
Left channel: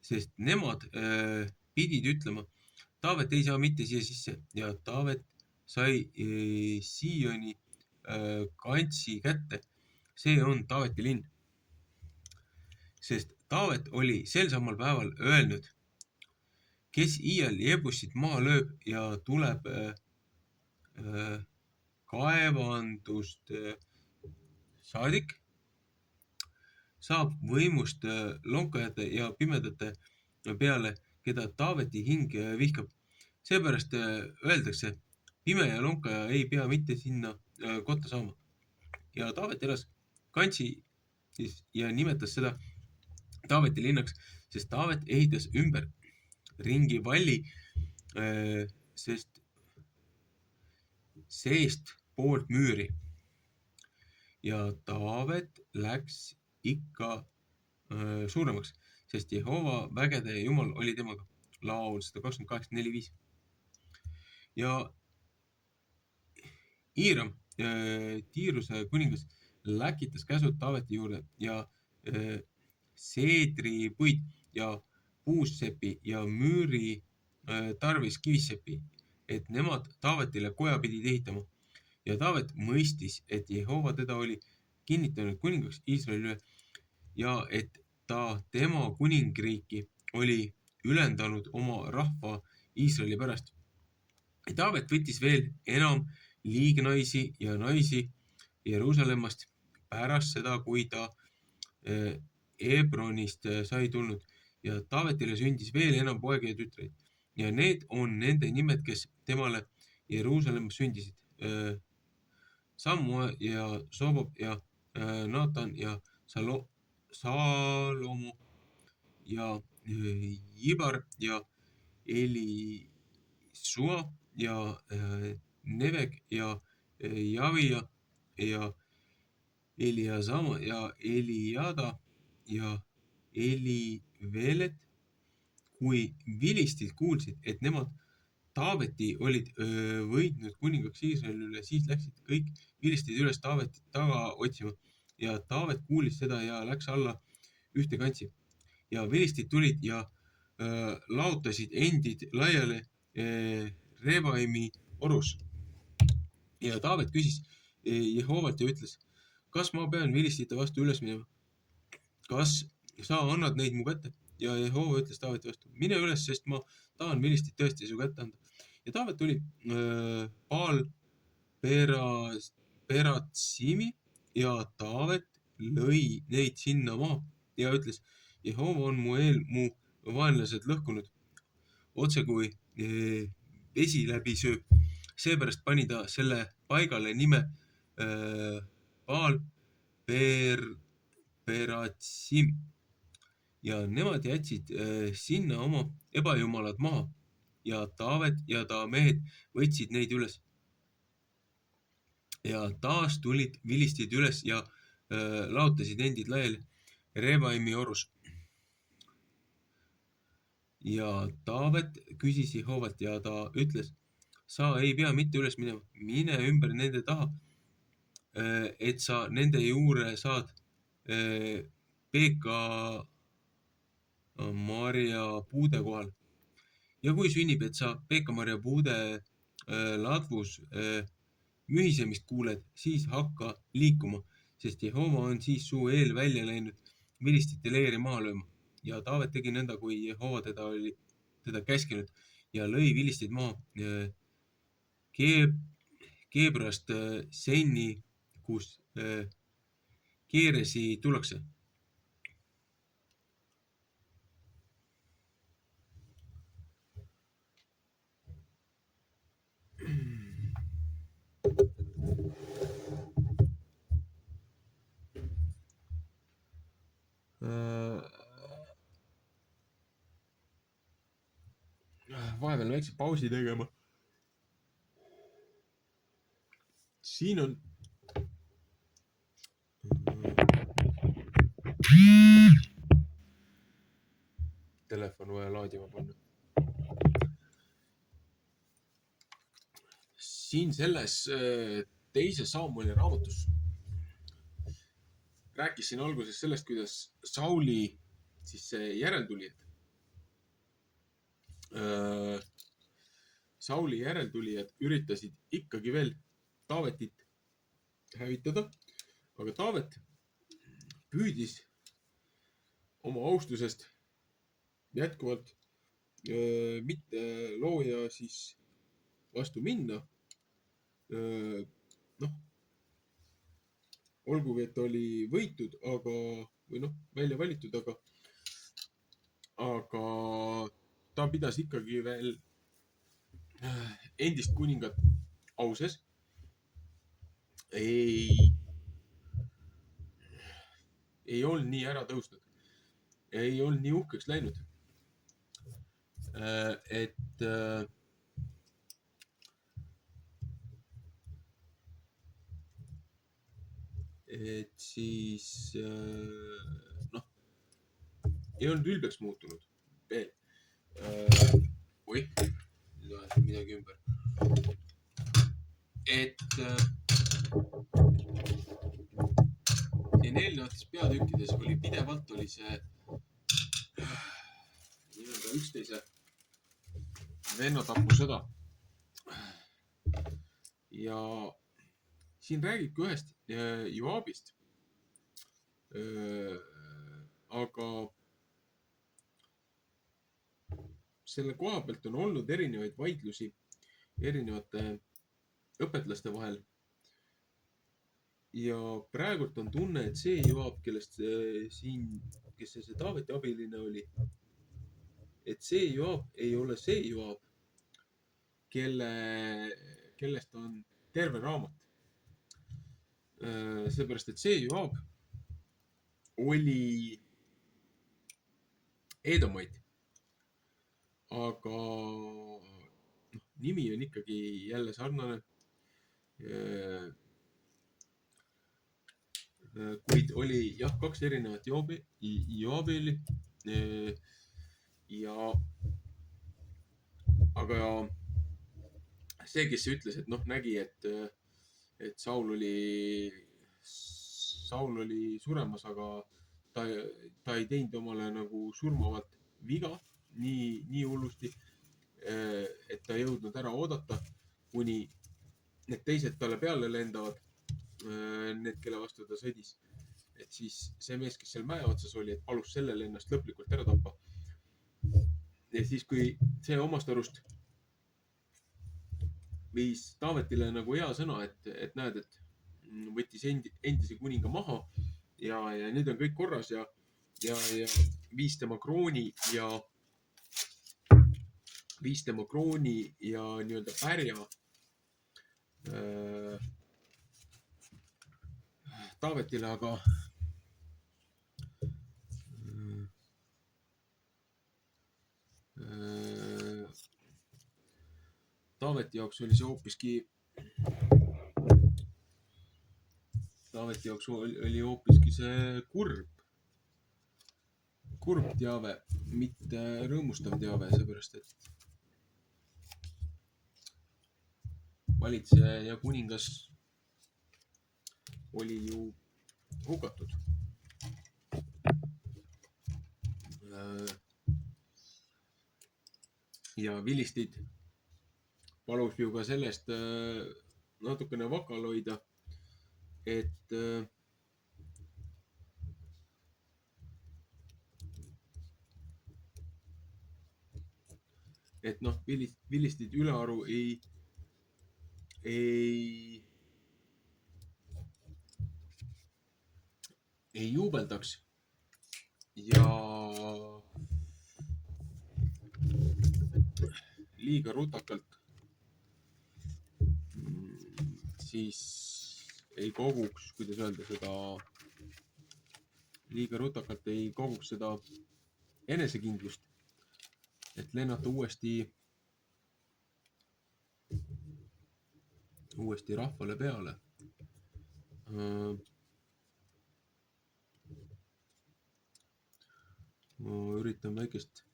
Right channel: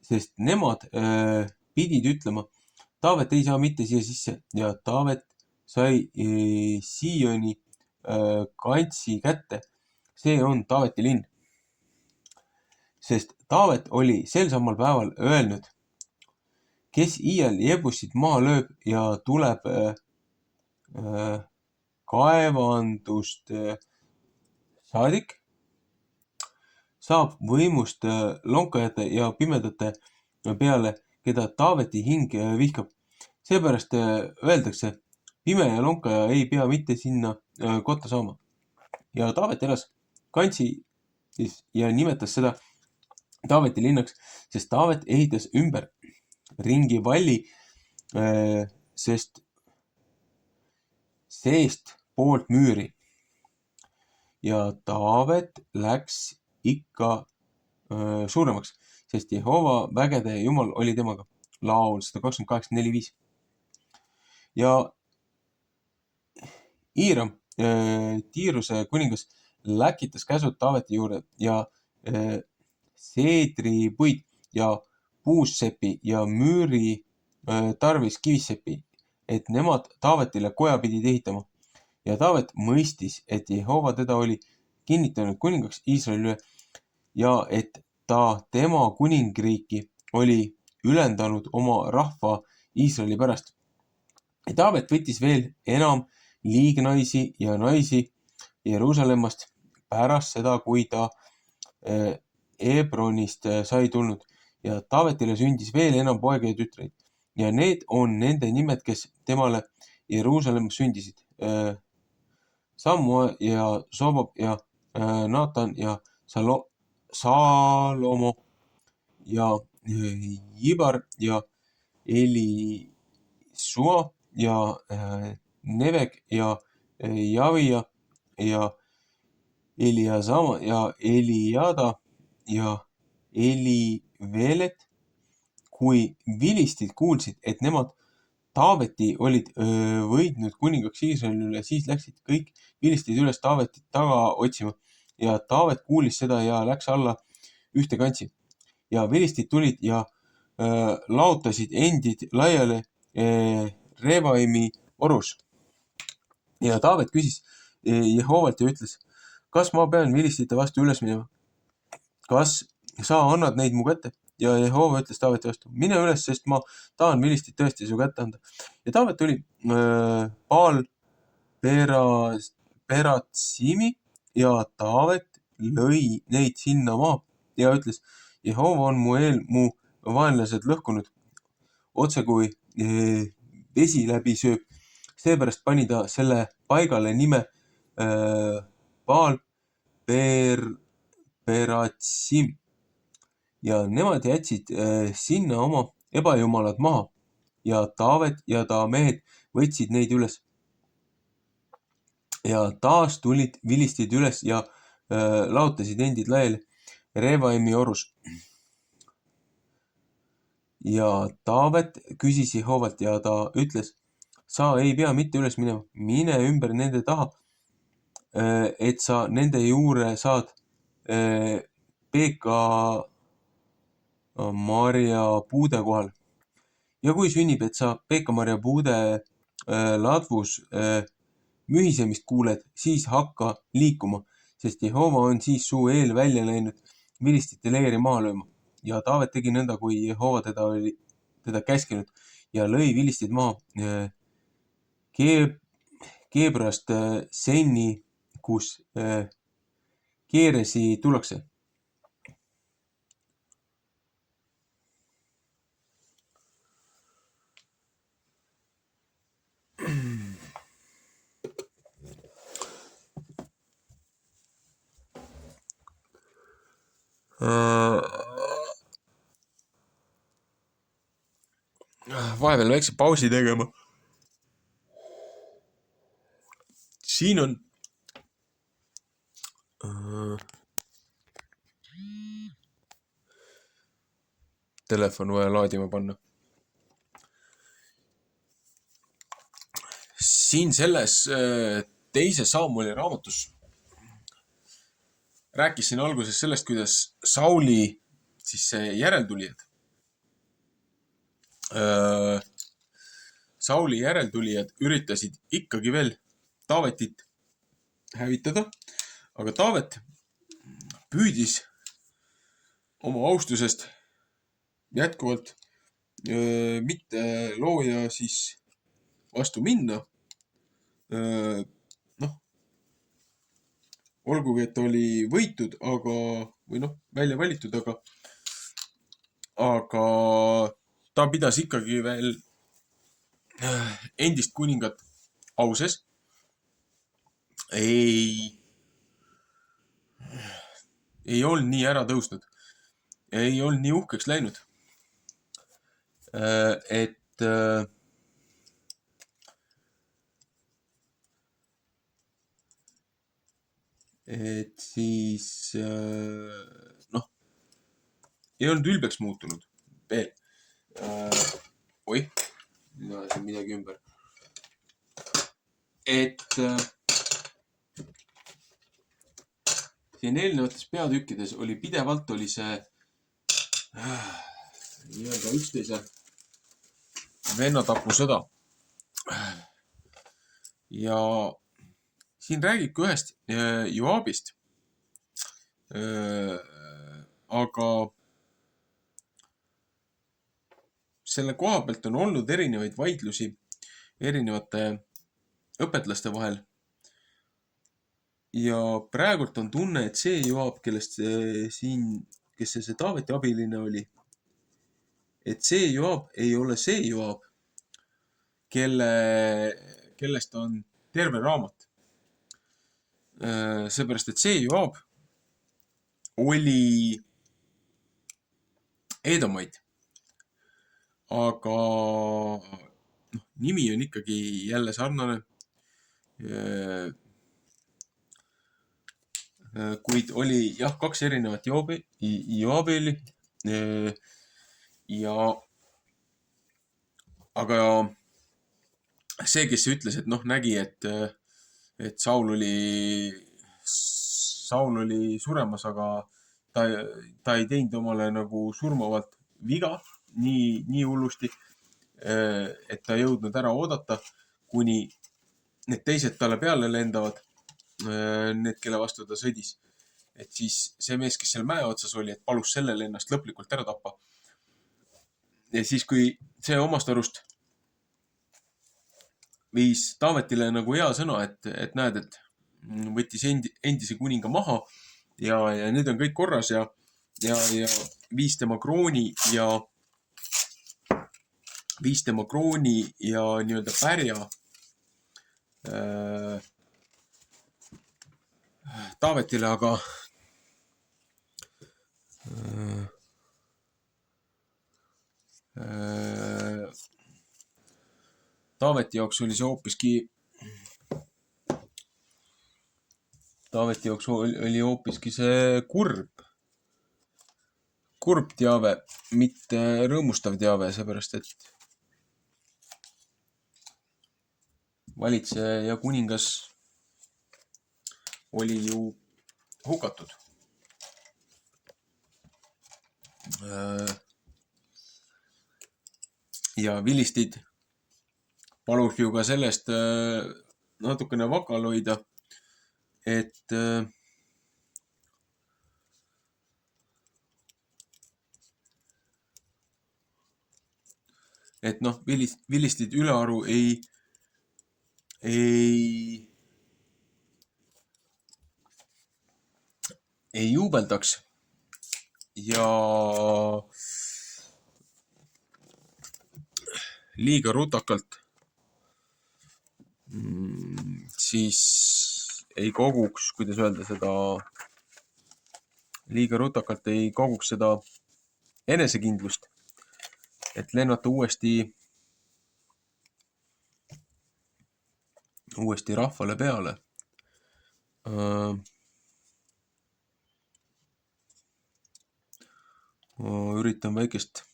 sest nemad pidid ütlema, Taavet ei saa mitte siia sisse ja Taavet sai Sioni kantsi kätte. See on Taaveti linn. Sest Taavet oli sel samal päeval öelnud, kes iial Jebusit maha lööb ja tuleb kaevandust saadik, saab võimust lonkajate ja pimedate peale, keda Taaveti hing vihkab. Seepärast öeldakse, pime ja lonkaja ei pea mitte sinna kotta saama. Ja Taavet elas kantsi ja nimetas seda Taaveti linnaks, sest Taavet ehitas ümber ringi valli, sest seest poolt müüri. Ja Taavet läks ikka suuremaks, sest Jehova vägede Jumal oli temaga. Laul 128.4.5. Ja Hiiram, Tiiruse kuningas, läkitas käsud Taaveti juurde ja seedripuid ja puussepi ja müüri tarvis kivissepi, et nemad Taavetile koja pidid ehitama. Ja Taavet mõistis, et Jehova teda oli kinnitanud kuningaks Iisraeli üle ja et ta tema kuningriiki oli ülendanud oma rahva Iisraeli pärast. Ja Taavet võttis veel enam liignaisi ja naisi Jeruusalemmast pärast seda, kui ta Hebronist sai tulnud ja Taavetile sündis veel enam poegi ja tütreid. Ja need on nende nimed, kes temale Jeruusalemmas sündisid. Samua ja Sobab ja Naatan ja Salomo ja Jibar ja Elisua ja Nevek ja Javia ja Eliasama ja Eliada ja Elivelet. Kui vilistid kuulsid, et nemad Taaveti olid võitnud kuningaks Iisraeli üle, siis läksid kõik vilistid üles Taavetit taga otsima ja Taavet kuulis seda ja läks alla ühte kantsi. Ja vilistid tulid ja laotasid endid laiale Rebaimi orus. Ja Taavet küsis Jehovalt ja ütles, kas ma pean vilistite vastu üles minema? Kas sa annad neid mu kätte? Ja Jehova ütles Taaveti vastu, mine üles, sest ma tahan vilistit tõesti su kätte anda. Ja Taavet tuli Baal Peratsimi ja Taavet lõi neid sinna maa ja ütles, Jehova on mu eel mu vaenlased lõhkunud, otse kui vesi läbi sööb. Seepärast pani ta selle paigale nime Baal Peratsim ja nemad jätsid sinna oma ebajumalad maha ja Taavet ja ta mehed võtsid neid üles. Ja taas tulid vilistid üles ja laotasid endid laiali Revaimi orus. Ja Taavet küsis Jehovalt ja ta ütles, sa ei pea mitte üles minema, mine ümber nende taha, et sa nende juure saad Peeka marja puude kohal. Ja kui sünnib, et sa Peeka marja puude ladvus mühisemist kuuled, siis hakka liikuma, sest Jehova on siis su eel välja läinud vilistite leeri maha lööma. Ja Taavet tegi nõnda, kui Jehova teda käskinud ja lõi vilistid maha Keebrast Senni, kus Keeresi tullakse. Vahepeal väikse pausi tegema. Siin on telefon vaja laadima panna. Siin selles teises Samueli raamatus rääkisin alguses sellest, kuidas Sauli siis järeltulijad Sauli järeltulijad üritasid ikkagi veel Taavetit hävitada, aga Taavet püüdis oma austusest jätkuvalt mitte looja siis vastu minna. Olgugi, et oli võitud, välja valitud, aga ta pidas ikkagi veel endist kuningat auses. Ei olnud nii ära tõusnud. Ei olnud nii uhkeks läinud. Et siis ei olnud ülbeks muutunud veel. Nüüd ajasin midagi ümber. Et siin eelnevates peatükkides oli pidevalt see nii-öelda üksteise vennatapusõda. Ja siin räägibki ühest Joabist. Aga selle koha pealt on olnud erinevaid vaidlusi erinevate õpetlaste vahel. Ja praegult on tunne, et see Joab, kellest kes see Taaveti abiline oli, et see Joab ei ole see Joab, kellest on terve raamat. Seepärast, et see Joab oli Edomait. Aga nimi on ikkagi jälle sarnane. Kuid oli kaks erinevat Joabeli. Aga see, kes ütles, et nägi, et Saul oli suremas, aga ta ei teinud omale nagu surmavalt viga nii hullusti, et ta jõudnud ära oodata, kuni need teised talle peale lendavad, need, kelle vastu ta sõdis. Et siis see mees, kes seal mäe otsas oli, et palus sellele ennast lõplikult ära tappa. Ja siis, kui see omast arust viis Taavetile nagu hea sõna, et näed, et võttis endise kuninga maha ja nüüd on kõik korras ja viis tema krooni ja nii-öelda pärja Taavetile, aga Taaveti jaoks oli see hoopiski see kurb teave, mitte rõõmustav teave, seepärast et valitseja ja kuningas oli ju hukatud. Ja vilistid palus ju ka sellest natukene vakal hoida, et noh, vilistid ülearu ei juubeldaks ja liiga rutakalt siis ei koguks, kuidas öelda seda, liiga rutakalt ei koguks seda enesekindlust, et lennata uuesti rahvale peale. Üritan väikest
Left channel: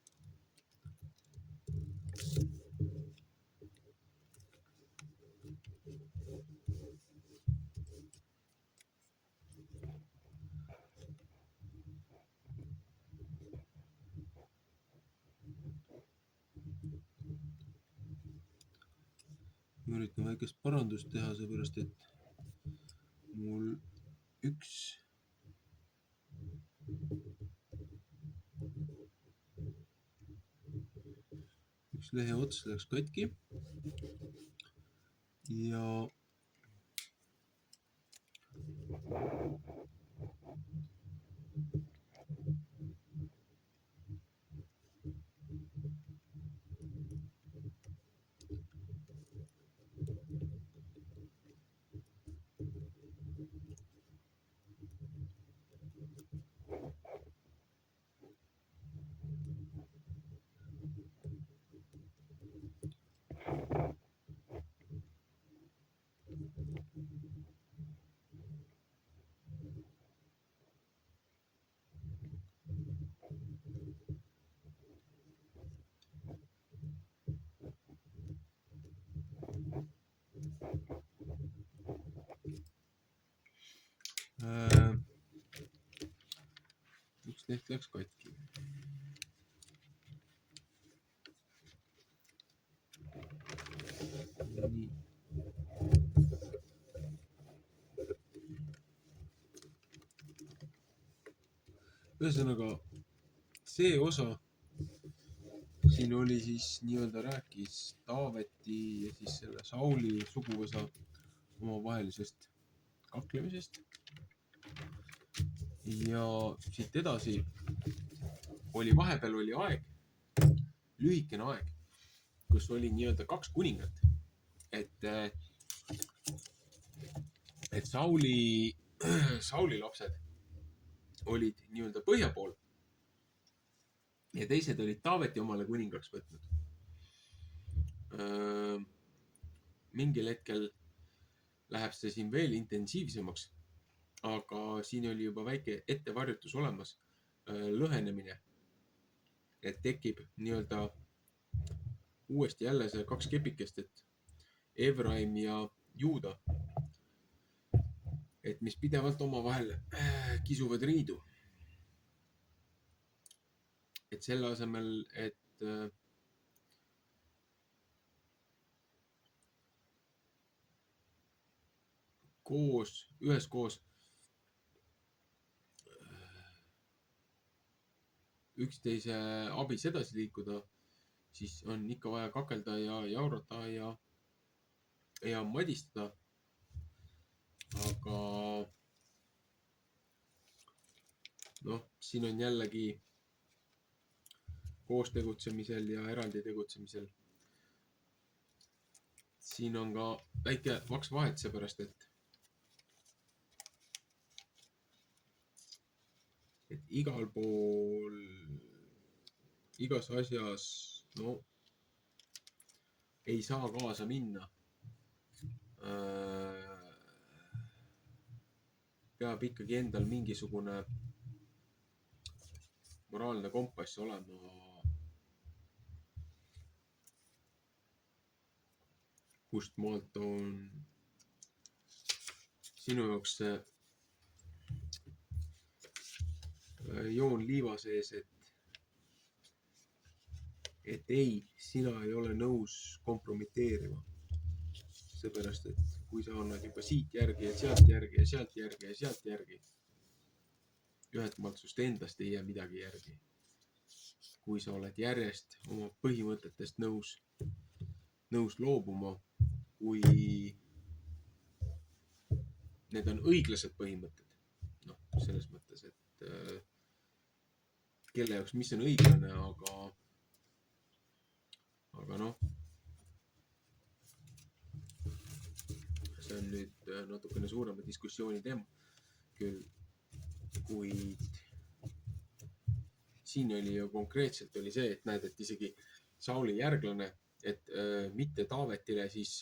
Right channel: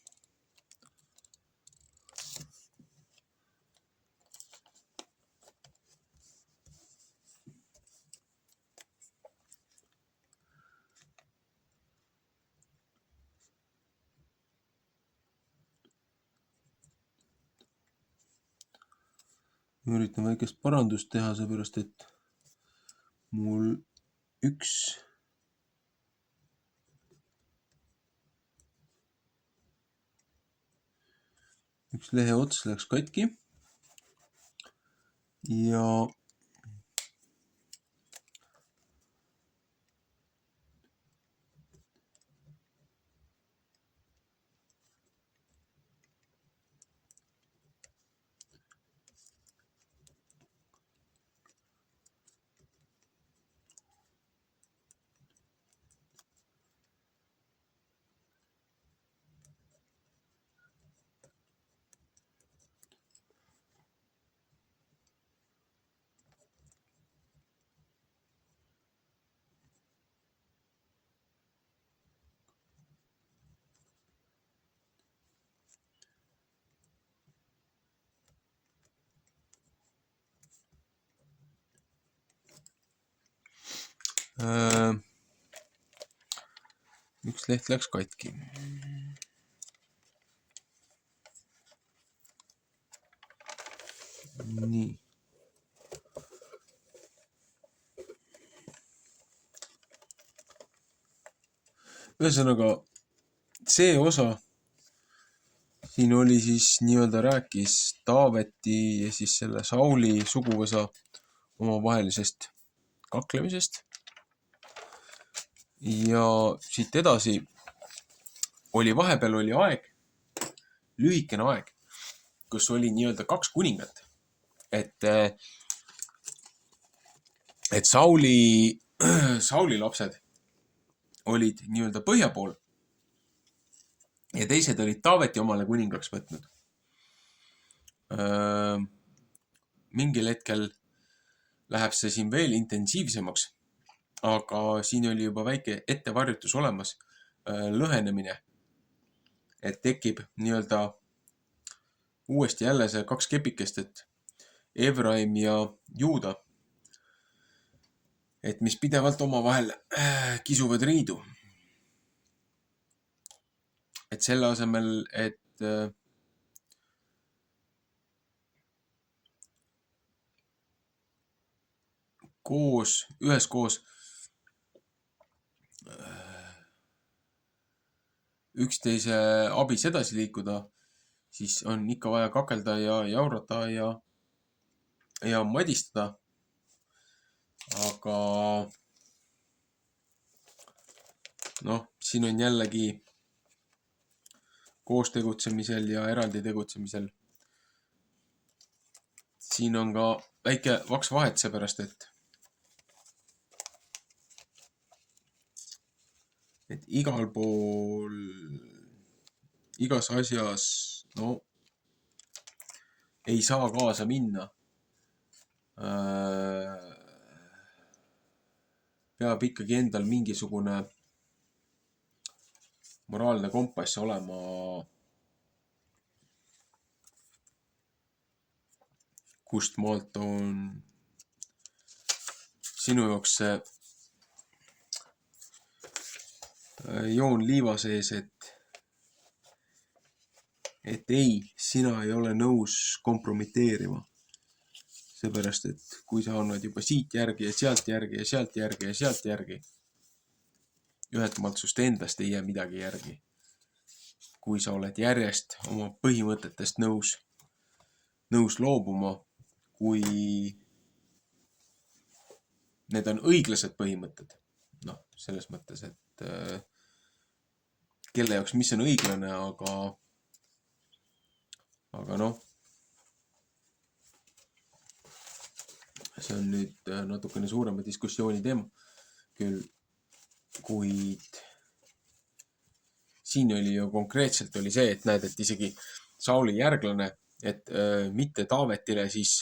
parandust teha, seepärast et mul üks lehe ots läks katki ja üks leht läks katki. Nii. Ühesõnaga, see osa siin oli siis nii-öelda rääkis Taaveti ja siis selle Sauli suguvõsa omavahelisest kaklemisest. Ja siit edasi vahepeal oli aeg, lühikene aeg, kus oli nii-öelda kaks kuningat. Et Sauli lapsed olid nii-öelda põhja pool ja teised olid Taaveti omale kuningaks võtnud. Mingil hetkel läheb see siin veel intensiivsemaks, aga siin oli juba väike ettevarjutus olemas, lõhenemine, et tekib nii-öelda uuesti jälle see kaks kepikest, et Efraim ja Juuda, et mis pidevalt omavahel kisuvad riidu. Et selle asemel, et üheskoos üksteise abis edasi liikuda, siis on ikka vaja kakelda ja jaurata ja madistada. Aga noh, siin on jällegi koos tegutsemisel ja eraldi tegutsemisel. Siin on ka väike vaks vahet, seepärast et igal pool, igas asjas, no ei saa kaasa minna. Peab ikkagi endal mingisugune moraalne kompass olema, kust maalt on sinu jaoks see joon liiva sees, et ei, sina ei ole nõus kompromiteerima. Seepärast, et kui sa annad juba siit järgi ja sealt järgi ja sealt järgi ja sealt järgi, ühelt maalt sust endast ei jää midagi järgi. Kui sa oled järjest oma põhimõtetest nõus loobuma, kui need on õiglased põhimõtted, noh, selles mõttes, et kelle jaoks mis on õiglane, aga noh, see on nüüd natukene suurema diskussiooni teema küll, kuid siin oli ju konkreetselt oli see, et näed, et isegi Sauli järglane, et mitte Taavetile siis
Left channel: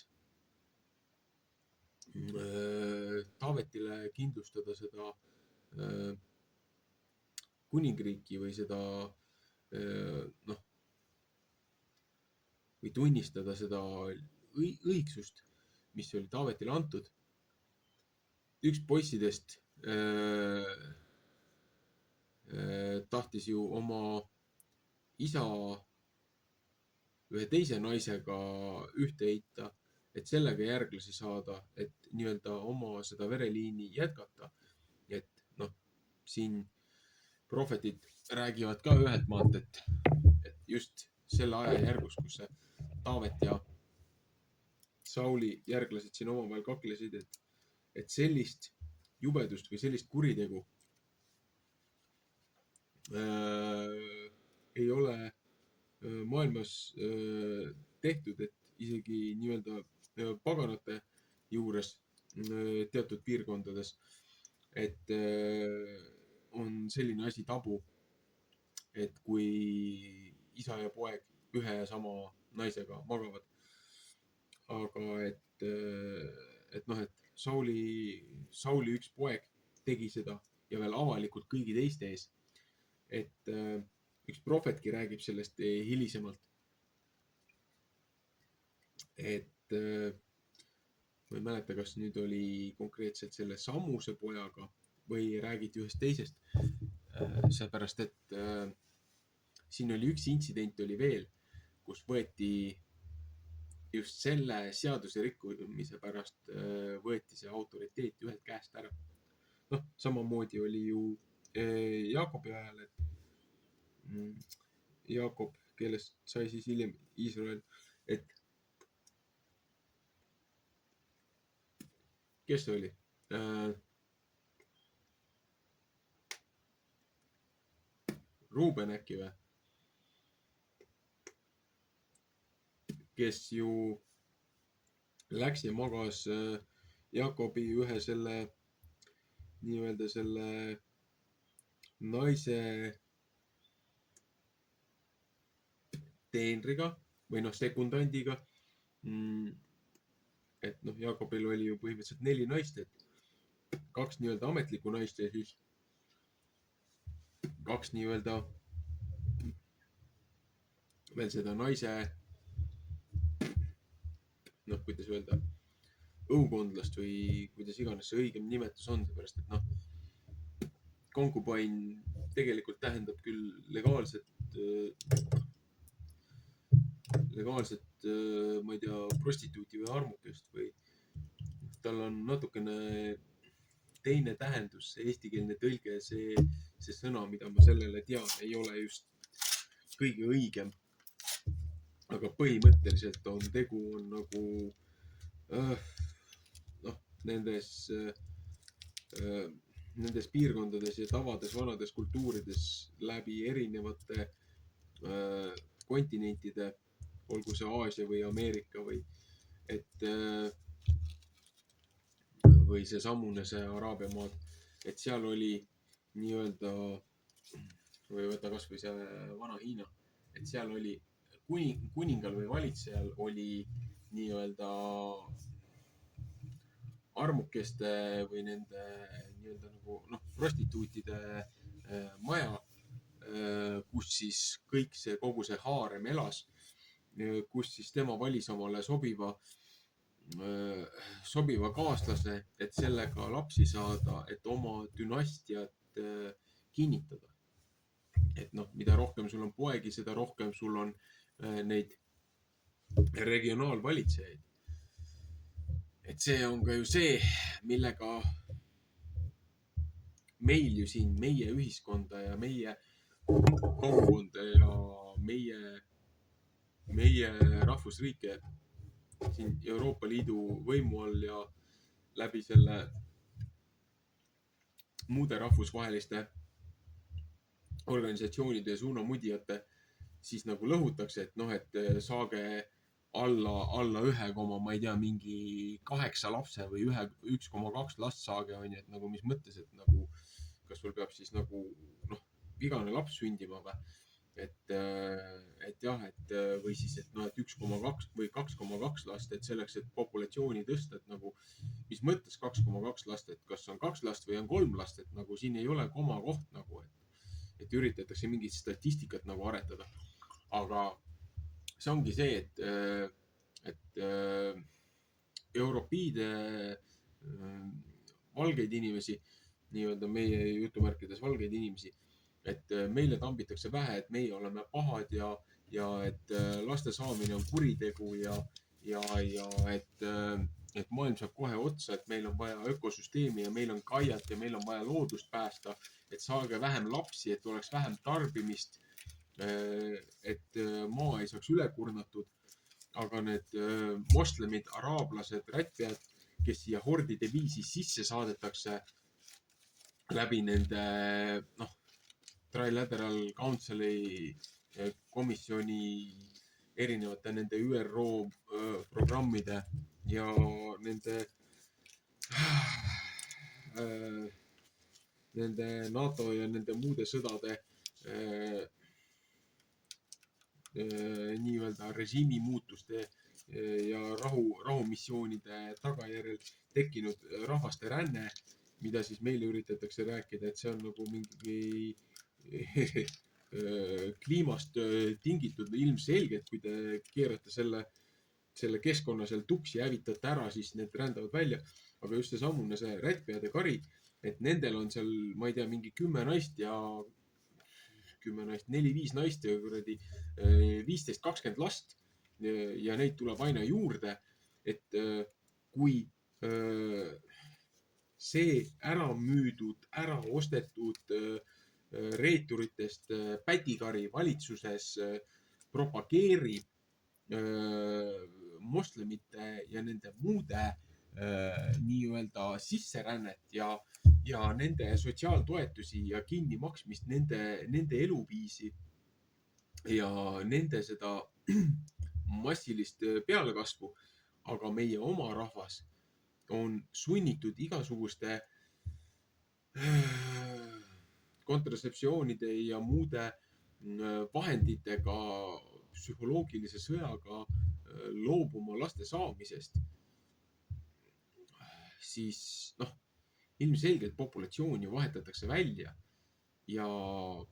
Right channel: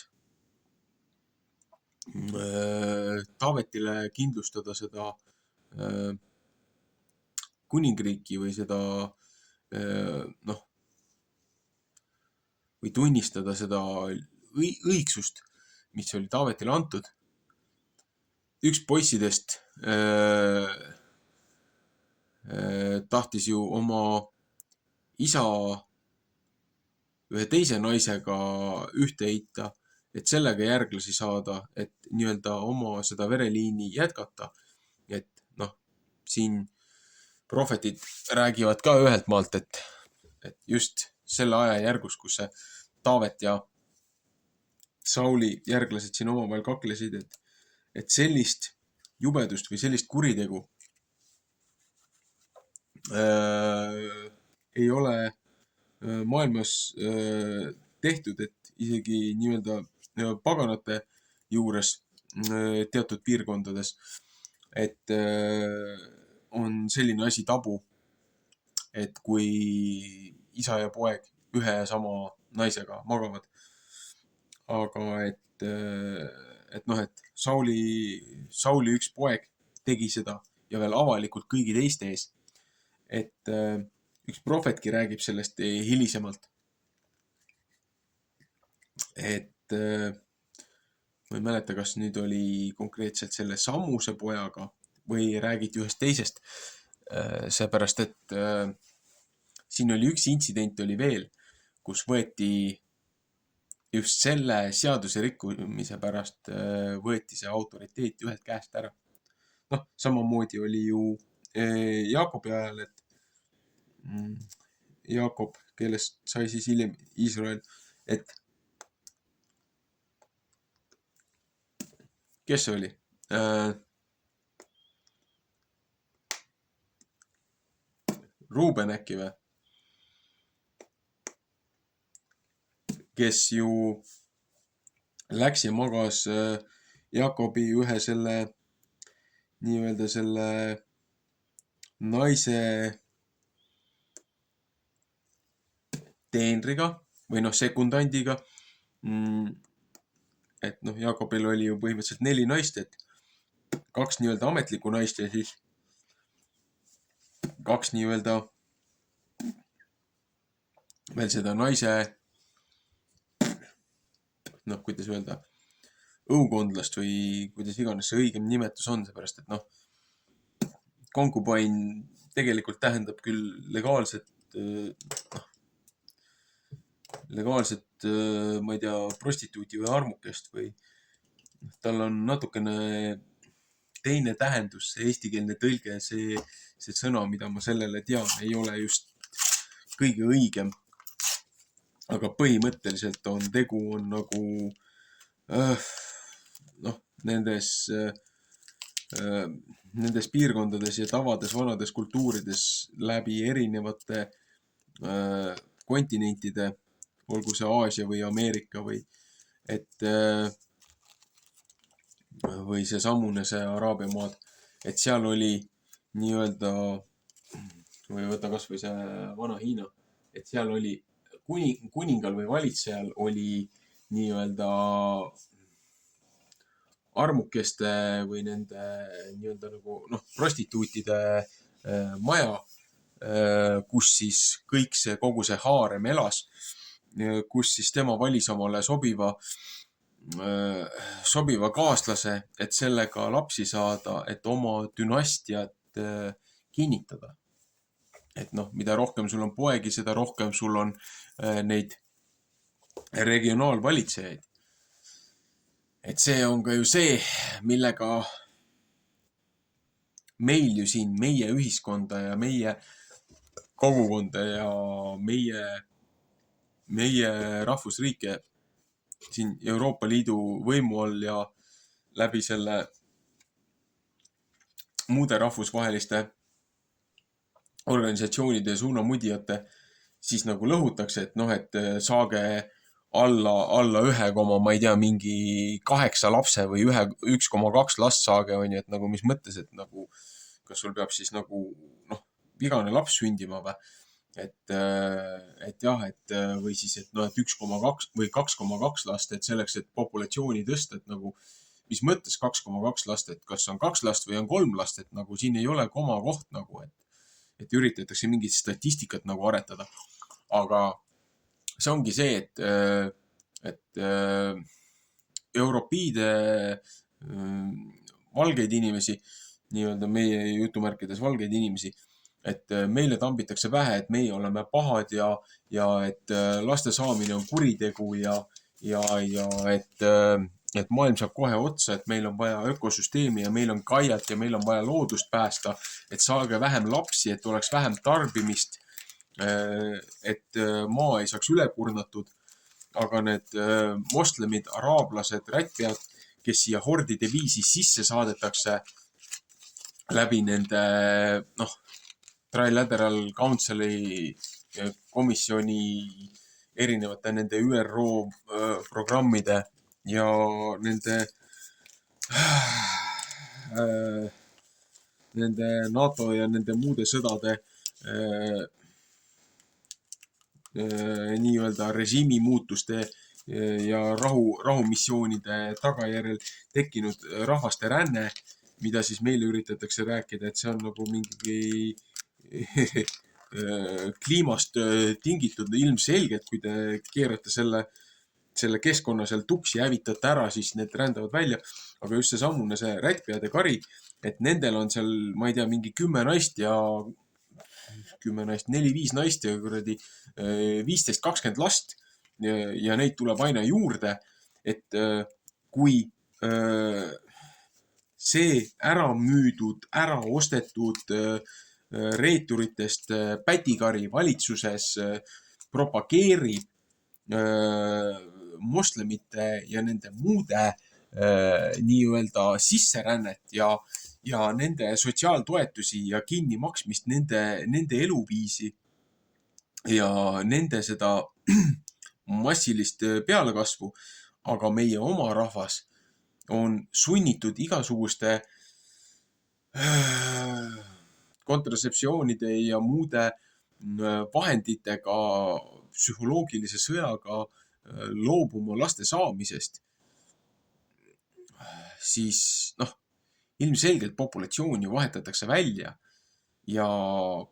Taavetile kindlustada seda kuningriiki või seda noh, või tunnistada seda õigsust, mis oli Taavetile antud. Üks poissidest tahtis ju oma isa ühe teise naisega ühte heita, et sellega järglasi saada, et nii-öelda oma seda vereliini jätkata. Et noh, siin prohvetid räägivad ka ühelt maalt, et just selle aja järgus, kus see Taavet ja Sauli järglased siin omavahel kaklesid, et sellist jubedust või sellist kuritegu ei ole maailmas tehtud, et isegi nii-öelda paganate juures teatud piirkondades, et on selline asi tabu, et kui isa ja poeg ühe ja sama naisega magavad. Aga et noh, et Sauli üks poeg tegi seda ja veel avalikult kõigi teiste ees. Et üks prohvetki räägib sellest hilisemalt. Et ma ei mäleta, kas nüüd oli konkreetselt selle Sammuse pojaga või räägiti ühest teisest. Seepärast, et siin oli üks intsident oli veel, kus võeti just selle seaduse rikkumise pärast võeti see autoriteet ühelt käest ära. Noh, samamoodi oli ju Jaakobi ajal, et Jaakob, kellest sai siis hiljem Iisrael, et kes see oli? Ruuben äkki või? Kes ju läks ja magas Jaakobi ühe selle nii-öelda selle naise teenriga või noh, sekundandiga. Et noh, Jaakobil oli ju põhimõtteliselt 4 naist, et 2 nii-öelda ametlikku naist ja siis 2 nii-öelda veel seda naise noh, kuidas öelda, õukondlast või kuidas iganes see õigem nimetus on, seepärast, et noh, konkubain tegelikult tähendab küll legaalset, ma ei tea, prostituuti või armukest või tal on natukene teine tähendus, see eestikeelne tõlge, see sõna, mida ma sellele tean, ei ole just kõige õigem. Aga põhimõtteliselt on tegu on nagu noh, nendes piirkondades ja tavades, vanades kultuurides läbi erinevate kontinentide, olgu see Aasia või Ameerika või et või see samune see Araabia maad, et seal oli nii-öelda või võta kas või see vana Hiina, et seal oli kuningal või valitsejal oli nii-öelda armukeste või nende nii-öelda nagu prostituutide maja, kus siis kogu see haarem elas, kus siis tema valis omale sobiva kaaslase, et sellega lapsi saada, et oma dünastiat kinnitada. Et mida rohkem sul on poegi, seda rohkem sul on neid regionaalvalitsejaid. Et see on ka ju see, millega meil ju siin meie ühiskonda ja meie kogukonda ja meie rahvusriike siin Euroopa Liidu võimu all ja läbi selle muude rahvusvaheliste organisatsioonide ja suunamudijate siis nagu lõhutakse, et saage alla 1, ma ei tea, mingi 8 lapse või 1,2 last saage, on ju, et nagu mis mõttes, et nagu kas sul peab siis nagu vigane laps sündima või? Et jah, või siis, et 1,2 või 2,2 last, et selleks, et populatsiooni tõsta, et nagu mis mõttes 2,2 last, et kas on 2 last või on 3 last, et nagu siin ei ole komakoht nagu, et üritatakse mingit statistikat nagu aretada. Aga see ongi see, et europiide valgeid inimesi, nii-öelda meie jutumärkides valgeid inimesi, et meile tambitakse pähe, et meie oleme pahad ja et laste saamine on kuritegu ja et maailm saab kohe otsa, et meil on vaja ökosüsteemi ja meil on kaiat ja meil on vaja loodust päästa, et saage vähem lapsi, et oleks vähem tarbimist, et maa ei saaks üle kurnatud. Aga need moslemid, araablased, rättpead, kes siia hordide viisi sisse saadetakse läbi nende Trilateral Council'i komisjoni erinevate nende ÜRO programmide ja nende NATO ja nende muude sõdade nii-öelda režiimi muutuste ja rahumissioonide tagajärjel tekkinud rahvaste ränne, mida siis meile üritatakse rääkida, et see on nagu mingi kliimast tingitud ilmselgelt, kui te keerate selle keskkonna seal tuksi, hävitate ära, siis need rändavad välja. Aga just seesamune see rättpeade kari, et nendel on seal, ma ei tea, mingi 10 naist ja 4-5 naist ja kuradi 15-20 last ja neid tuleb aina juurde. Et kui see ära müüdud, ära ostetud reeturitest pätikari valitsuses propageerib moslemite ja nende muude nii-öelda sisserännet ja nende sotsiaaltoetusi ja kinnimaksmist, nende eluviisi ja nende seda massilist pealekasvu, aga meie oma rahvas on sunnitud igasuguste kontratseptsioonide ja muude vahenditega, psühholoogilise sõjaga loobuma laste saamisest, siis ilmselgelt populatsioon ju vahetatakse välja. Ja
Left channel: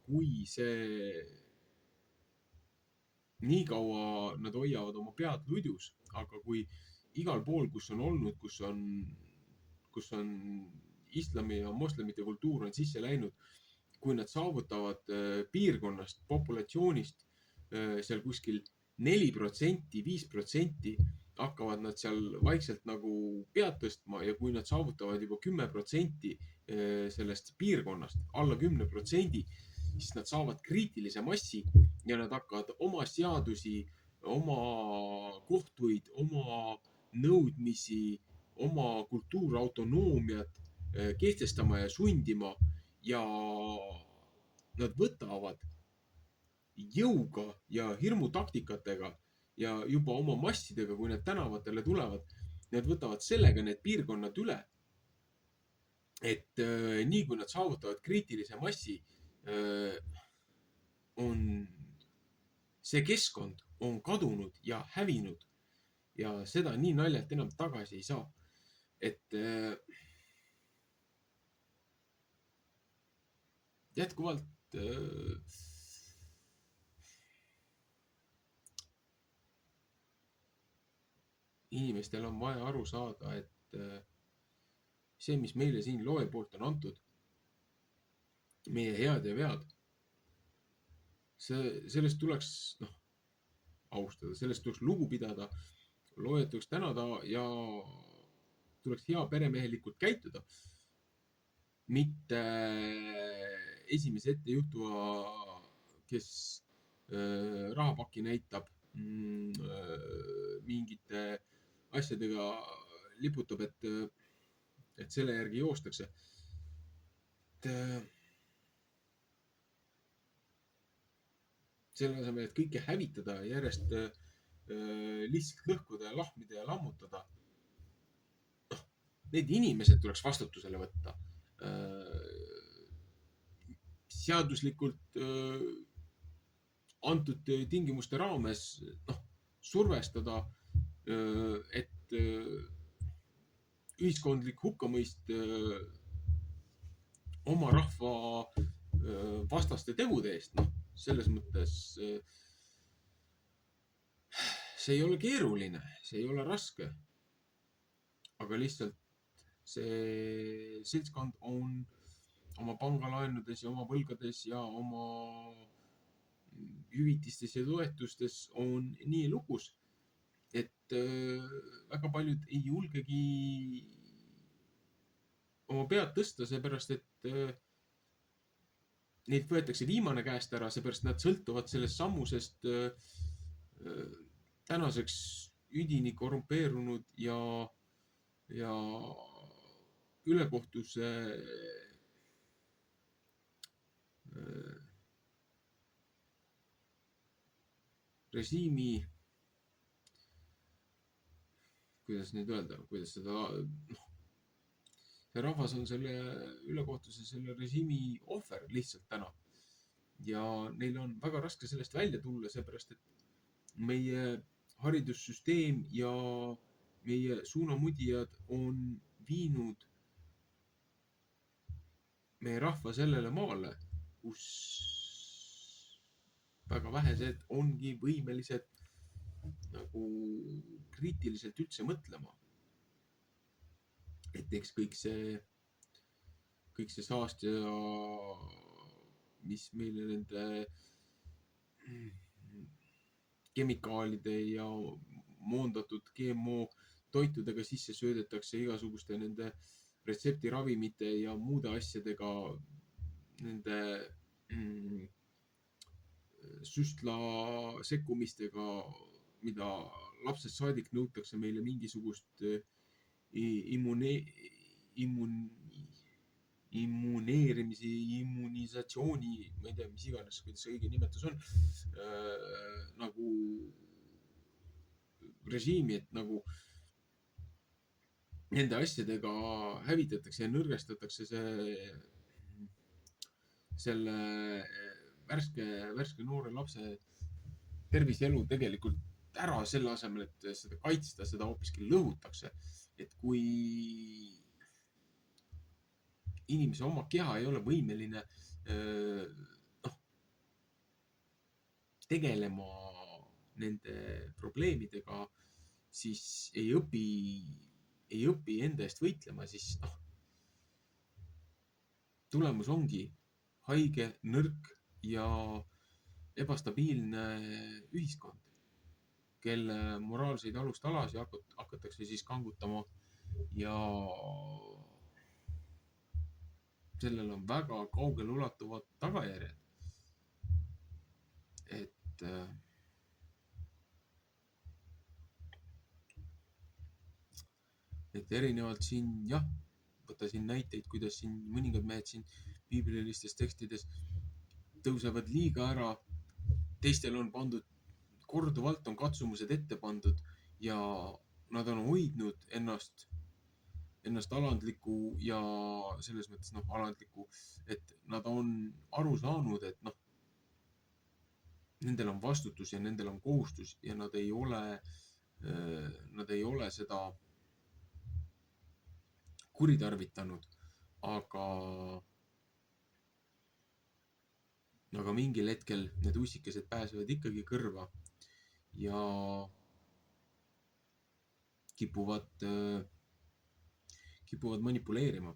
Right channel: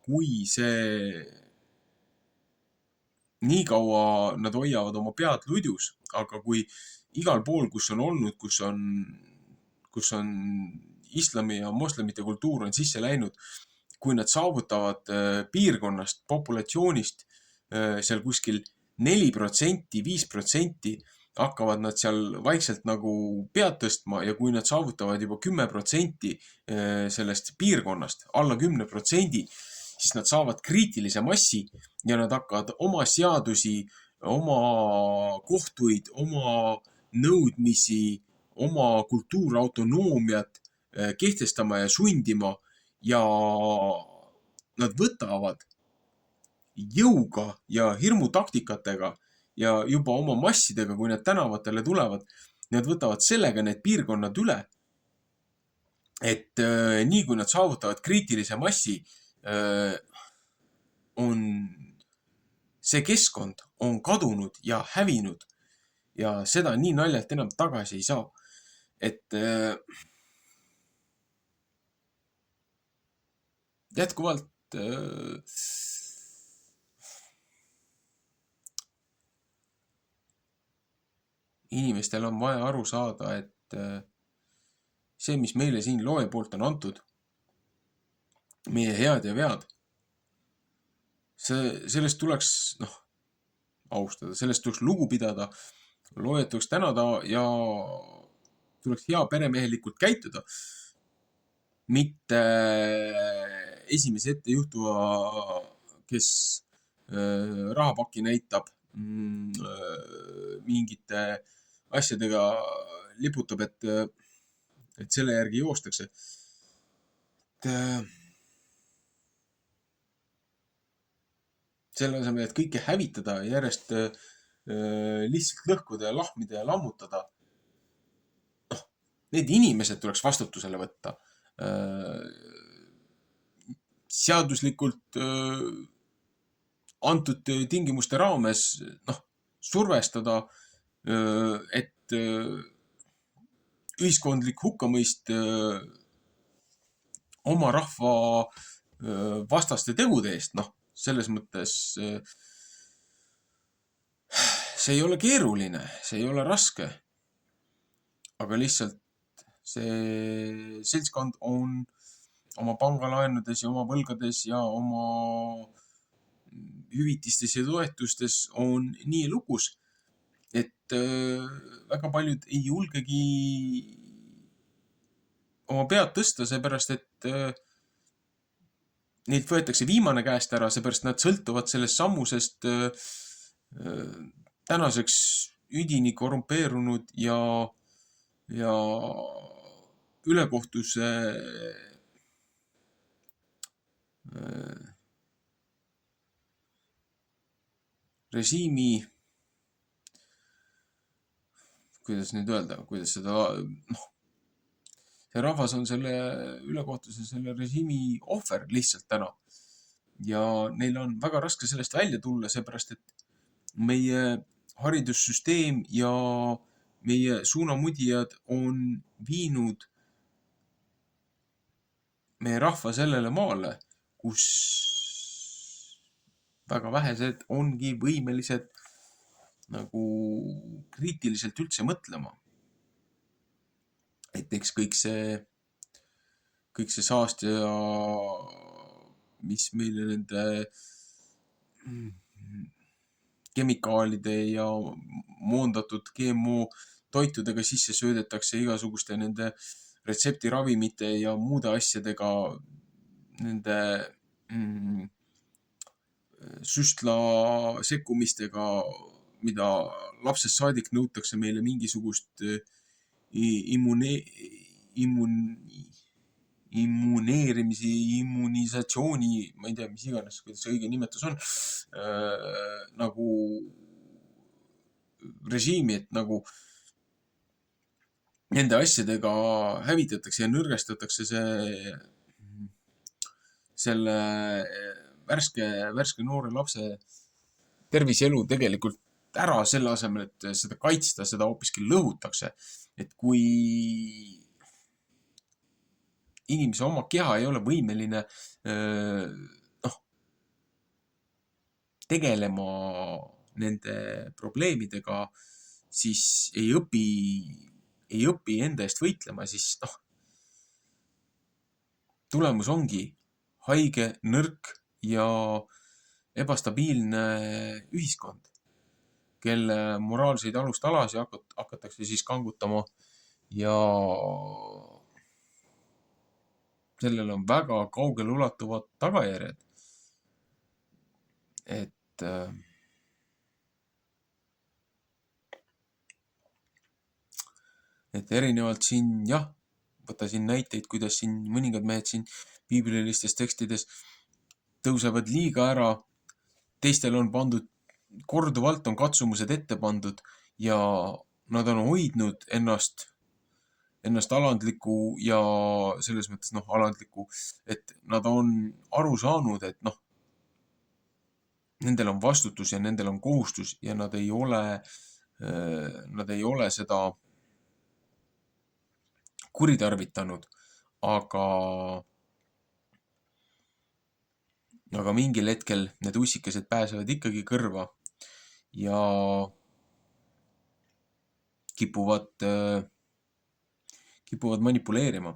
kui see nii kaua nad hoiavad oma pead ludjus, aga kui igal pool, kus on olnud, kus on islami ja moslemite kultuur on sisse läinud, kui nad saavutavad piirkonnast, populatsioonist seal kuskil 4%, 5%, hakkavad nad seal vaikselt nagu pead tõstma ja kui nad saavutavad juba 10% sellest piirkonnast, alla 10%, siis nad saavad kriitilise massi ja nad hakkavad oma seadusi, oma kohtuid, oma nõudmisi, oma kultuurautonoomiat kehtestama ja sundima ja nad võtavad jõuga ja hirmutaktikatega ja juba oma massidega, kui nad tänavatele tulevad, nad võtavad sellega need piirkonnad üle. Et nii kui nad saavutavad kriitilise massi, on see keskkond on kadunud ja hävinud ja seda nii naljalt enam tagasi ei saa. Et jätkuvalt inimestel on vaja aru saada, et see, mis meile siin looja poolt on antud, meie head ja vead, sellest tuleks austada, sellest tuleks lugu pidada, loojat tuleks tänada ja tuleks hea peremehelikult käituda. Mitte esimese ette juhtuva, kes rahapakki näitab, mingite asjadega liputab, et selle järgi joostakse. Selle asemel, et kõike hävitada ja järjest lihtsalt lõhkuda ja lahmida ja lammutada. Need inimesed tuleks vastutusele võtta. Seaduslikult antud tingimuste raames survestada, et ühiskondlik hukkamõist oma rahva vastaste tegude eest, selles mõttes see ei ole keeruline, see ei ole raske, aga lihtsalt see seltskond on oma pangalaenudes ja oma võlgades ja oma hüvitistes ja toetustes on nii lukus, et väga paljud ei julgegi oma pead tõsta, seepärast, et neid võetakse viimane käest ära, seepärast nad sõltuvad sellest sammusest tänaseks üdini korrumpeerunud ja ülekohtuse režiimi, kuidas nüüd öelda, kuidas seda, see rahvas on selle ülekohtuse, selle režiimi ohver lihtsalt täna. Ja neil on väga raske sellest välja tulla, seepärast, et meie haridussüsteem ja meie suunamudijad on viinud meie rahva sellele maale, kus väga vähesed ongi võimelised nagu kriitiliselt üldse mõtlema. Et eks kõik see saast ja mis meile nende kemikaalide ja moondatud GMO toitudega sisse söödetakse igasuguste nende retseptiravimite ja muude asjadega, nende süstla sekkumistega, mida lapsest saadik nõutakse meile mingisugust immuneerimise, immunisatsiooni, ma ei tea, mis iganes, kuidas see õige nimetus on, nagu režiimi, et nagu nende asjadega hävitatakse ja nõrgestatakse selle värske noore lapse terviselu tegelikult ära, selle asemel, et seda kaitsta, seda hoopiski lõhutakse. Et kui inimese oma keha ei ole võimeline tegelema nende probleemidega, siis ei õpi enda eest võitlema, siis tulemus ongi haige, nõrk ja ebastabiilne ühiskond, kelle moraalseid alustalasid hakatakse siis kangutama ja sellel on väga kaugele ulatuvad tagajärjed. Et erinevalt siin, võta siin näiteid, kuidas siin mõningad mehed siin piiblilistes tekstides tõusevad liiga ära, teistel on pandud, korduvalt on katsumused ette pandud ja nad on hoidnud ennast alandliku ja selles mõttes alandliku, et nad on aru saanud, et nendel on vastutus ja nendel on kohustus ja nad ei ole seda kuritarvitanud, aga mingil hetkel need ussikesed pääsevad ikkagi kõrva ja kipuvad manipuleerima.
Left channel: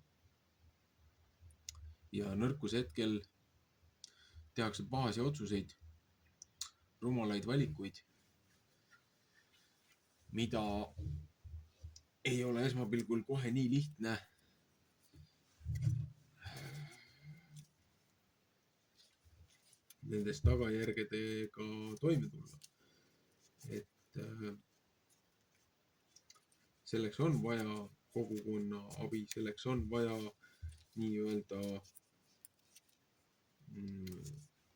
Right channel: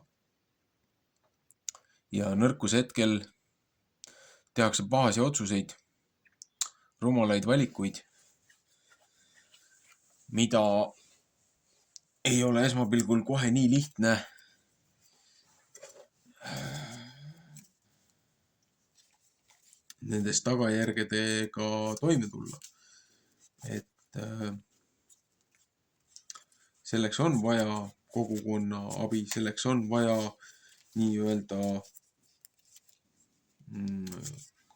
Ja nõrkuse hetkel tehakse pahasi otsuseid, rumalaid valikuid, mida ei ole esmapilgul kohe nii lihtne nendest tagajärgedega toime tulla. Et selleks on vaja kogukonna abi, selleks on vaja nii-öelda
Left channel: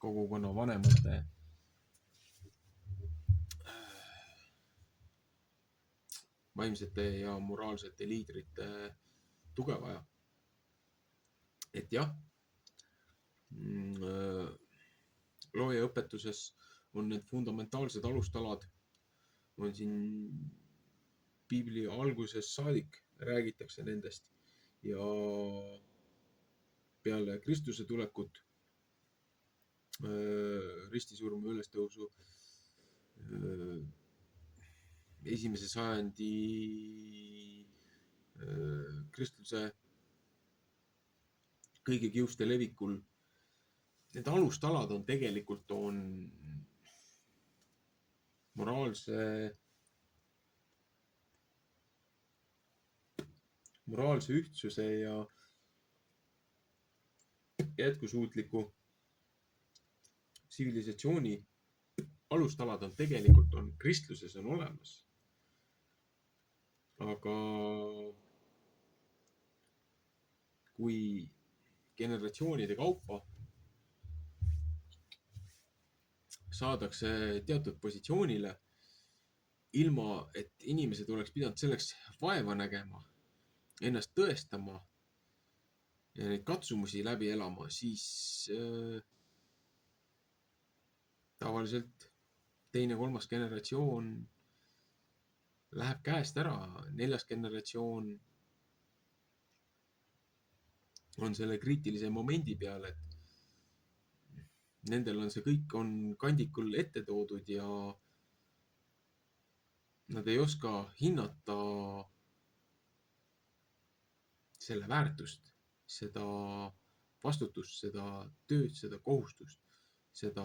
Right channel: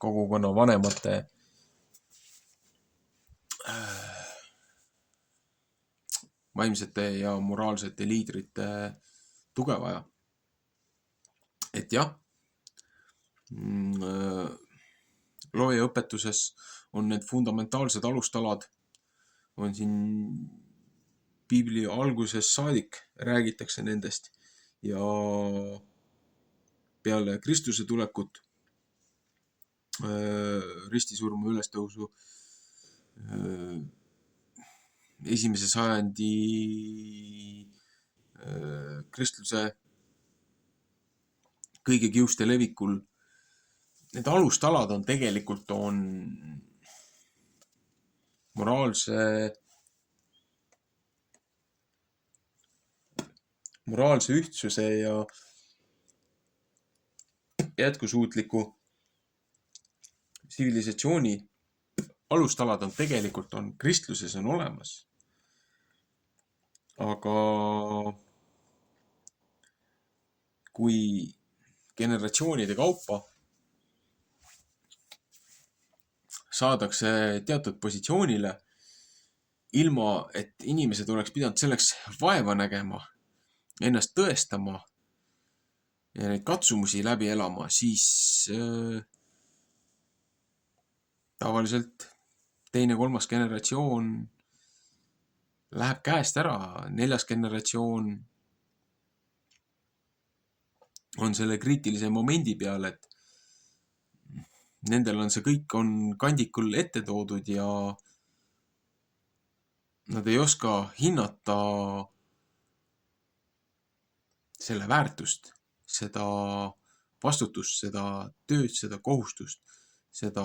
kogukonna vanemate vaimsete ja moraalsete liidrite tuge vaja. Et jah, loojaõpetuses on need fundamentaalsed alustalad, on siin piibli algusest saadik räägitakse nendest ja peale Kristuse tulekut, ristisurma ülestõusu, esimese sajandi kristluse kõige kiuste levikul. Need alustalad on tegelikult moraalse ühtsuse ja jätkusuutliku tsivilisatsiooni alustalad on tegelikult kristluses on olemas. Aga kui generatsioonide kaupa saadakse teatud positsioonile, ilma et inimesed oleks pidanud selleks vaeva nägema, ennast tõestama ja neid katsumusi läbi elama, siis tavaliselt teine-kolmas generatsioon läheb käest ära, 4. generatsioon on selle kriitilise momendi peal, et nendel on see kõik kandikul ette toodud ja nad ei oska hinnata selle väärtust, seda vastutust, seda tööd, seda kohustust, seda,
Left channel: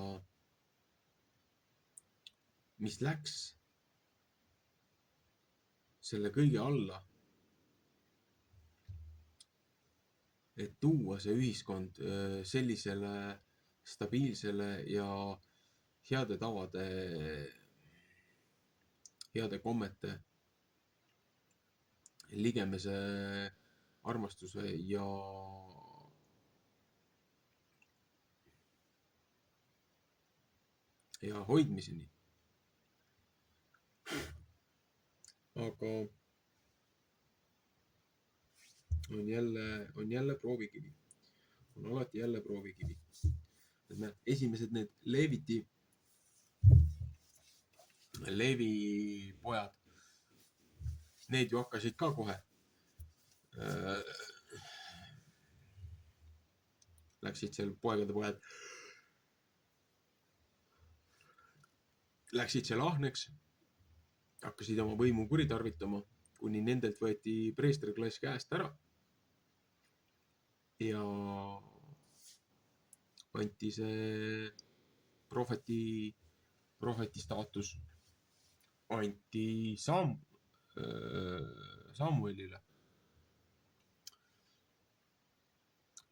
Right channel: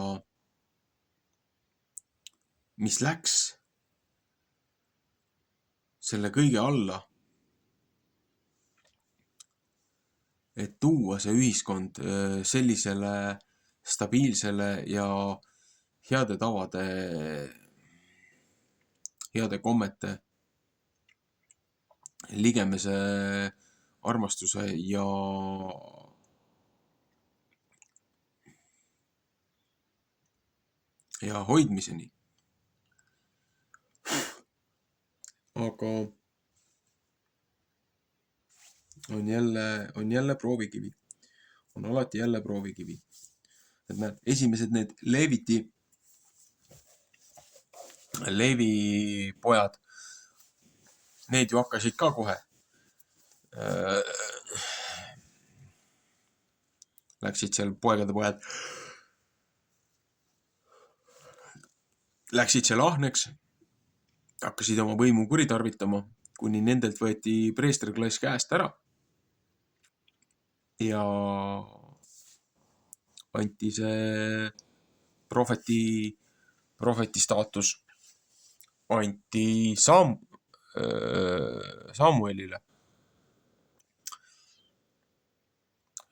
mis läks selle kõige alla, et tuua see ühiskond sellisele stabiilsele ja heade tavade, heade kommete, ligemese armastuse ja hoidmiseni. Aga on jälle proovikivi. On alati jälle proovikivi. Et näed, esimesed need Leevi pojad, need ju hakkasid ka kohe. Läksid seal poegade pojad. Läksid seal ahneks, hakkasid oma võimu kuritarvitama, kuni nendelt võeti preesterklass käest ära. Ja anti see prohveti staatus anti Samuelile.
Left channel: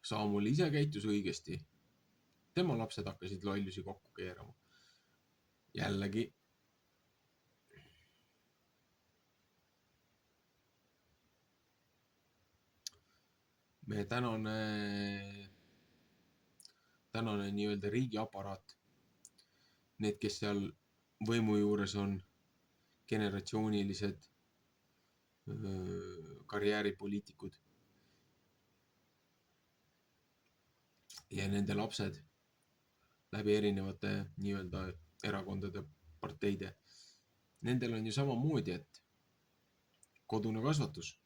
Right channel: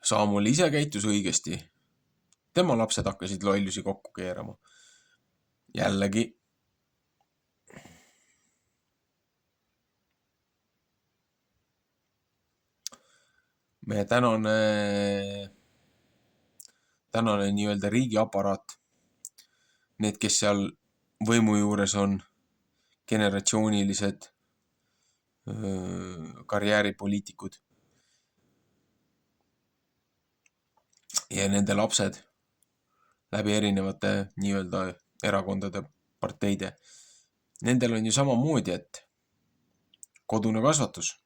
Samuel ise käitus õigesti. Tema lapsed hakkasid lollusi kokku keerama. Jällegi meie tänane nii-öelda riigiaparaat, need, kes seal võimu juures on, generatsioonilised karjääripoliitikud ja nende lapsed, läbi erinevate nii-öelda erakondade, parteide. Nendel on ju samamoodi, et kodune kasvatus.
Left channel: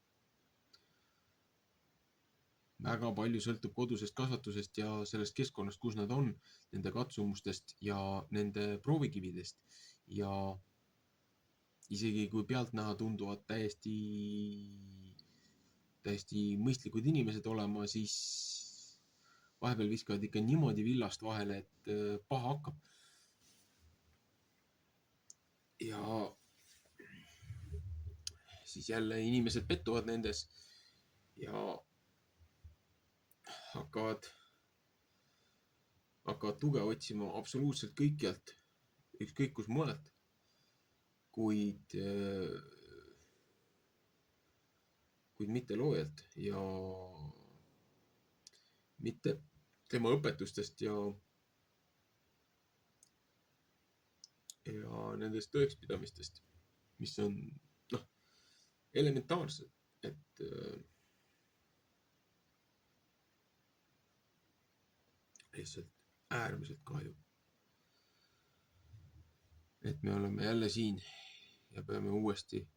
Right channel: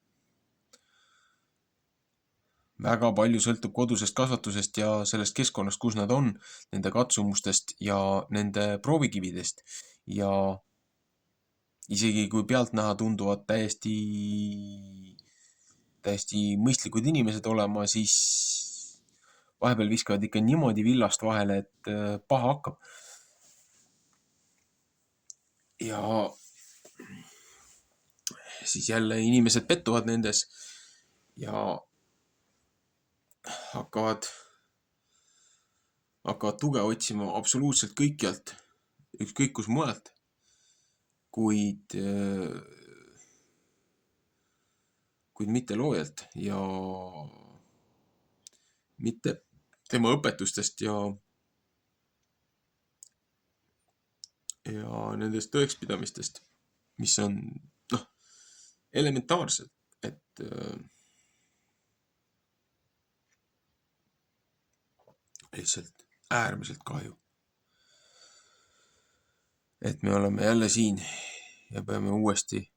Väga palju sõltub kodusest kasvatusest ja sellest keskkonnast, kus nad on, nende katsumustest ja nende proovikividest. Ja isegi kui pealtnäha tunduvad täiesti mõistlikud inimesed olema, siis vahepeal viskavad ikka niimoodi villast vahele, et paha hakkab. Ja siis jälle inimesed pettuvad nendes ja hakkavad tuge otsima absoluutselt kõikjalt, ükskõik kus mujalt, kuid mitte loojalt ja mitte tema õpetustest ja nendest tõekspidamistest, mis on elementaarsed, et lihtsalt äärmiselt kahju. Et me oleme jälle siin ja peame uuesti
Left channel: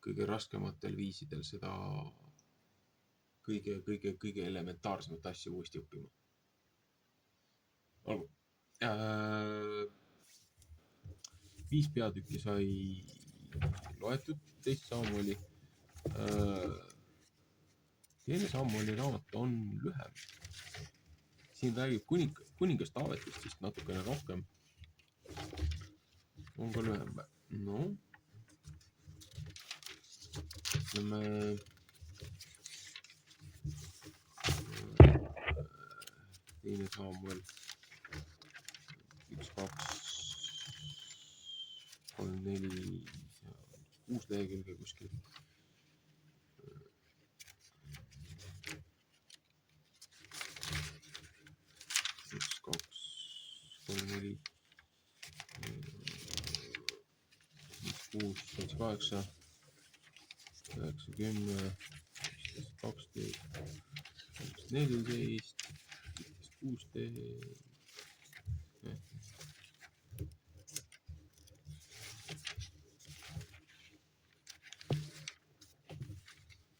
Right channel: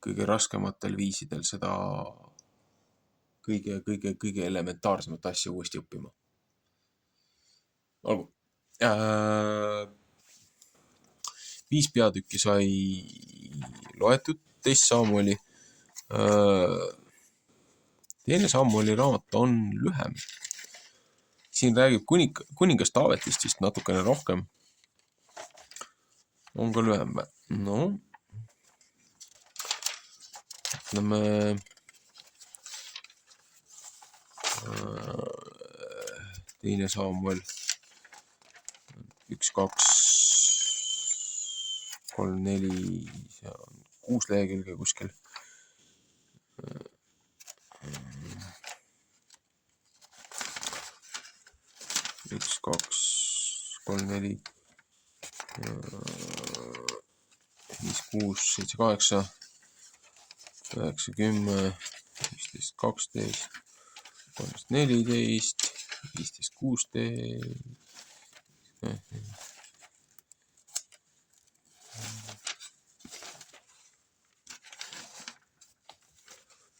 kõige raskematel viisidel seda kõige elementaarsemat asja uuesti õppima. Olgu. 5 peatükki sai loetud, teist Samueli. Teine Samueli raamat on lühem. Siin räägib kuningas Taavetist vist natukene rohkem. On ka lühem. No. Ütleme, teine Samuel 1, 2, 3, 4, 6 lehekülge kuskil. 1, 2, 3, 4, 5, 6, 7, 8, 9, 10, 15, 12, 13, 14, 15, 16.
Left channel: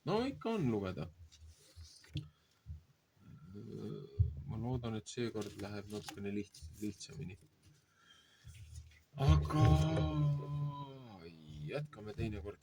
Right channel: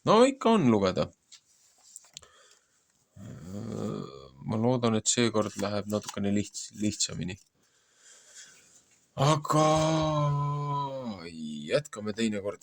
No ikka on lugeda. Ma loodan, et seekord läheb natukene lihtsamini. Aga jätkame teinekord.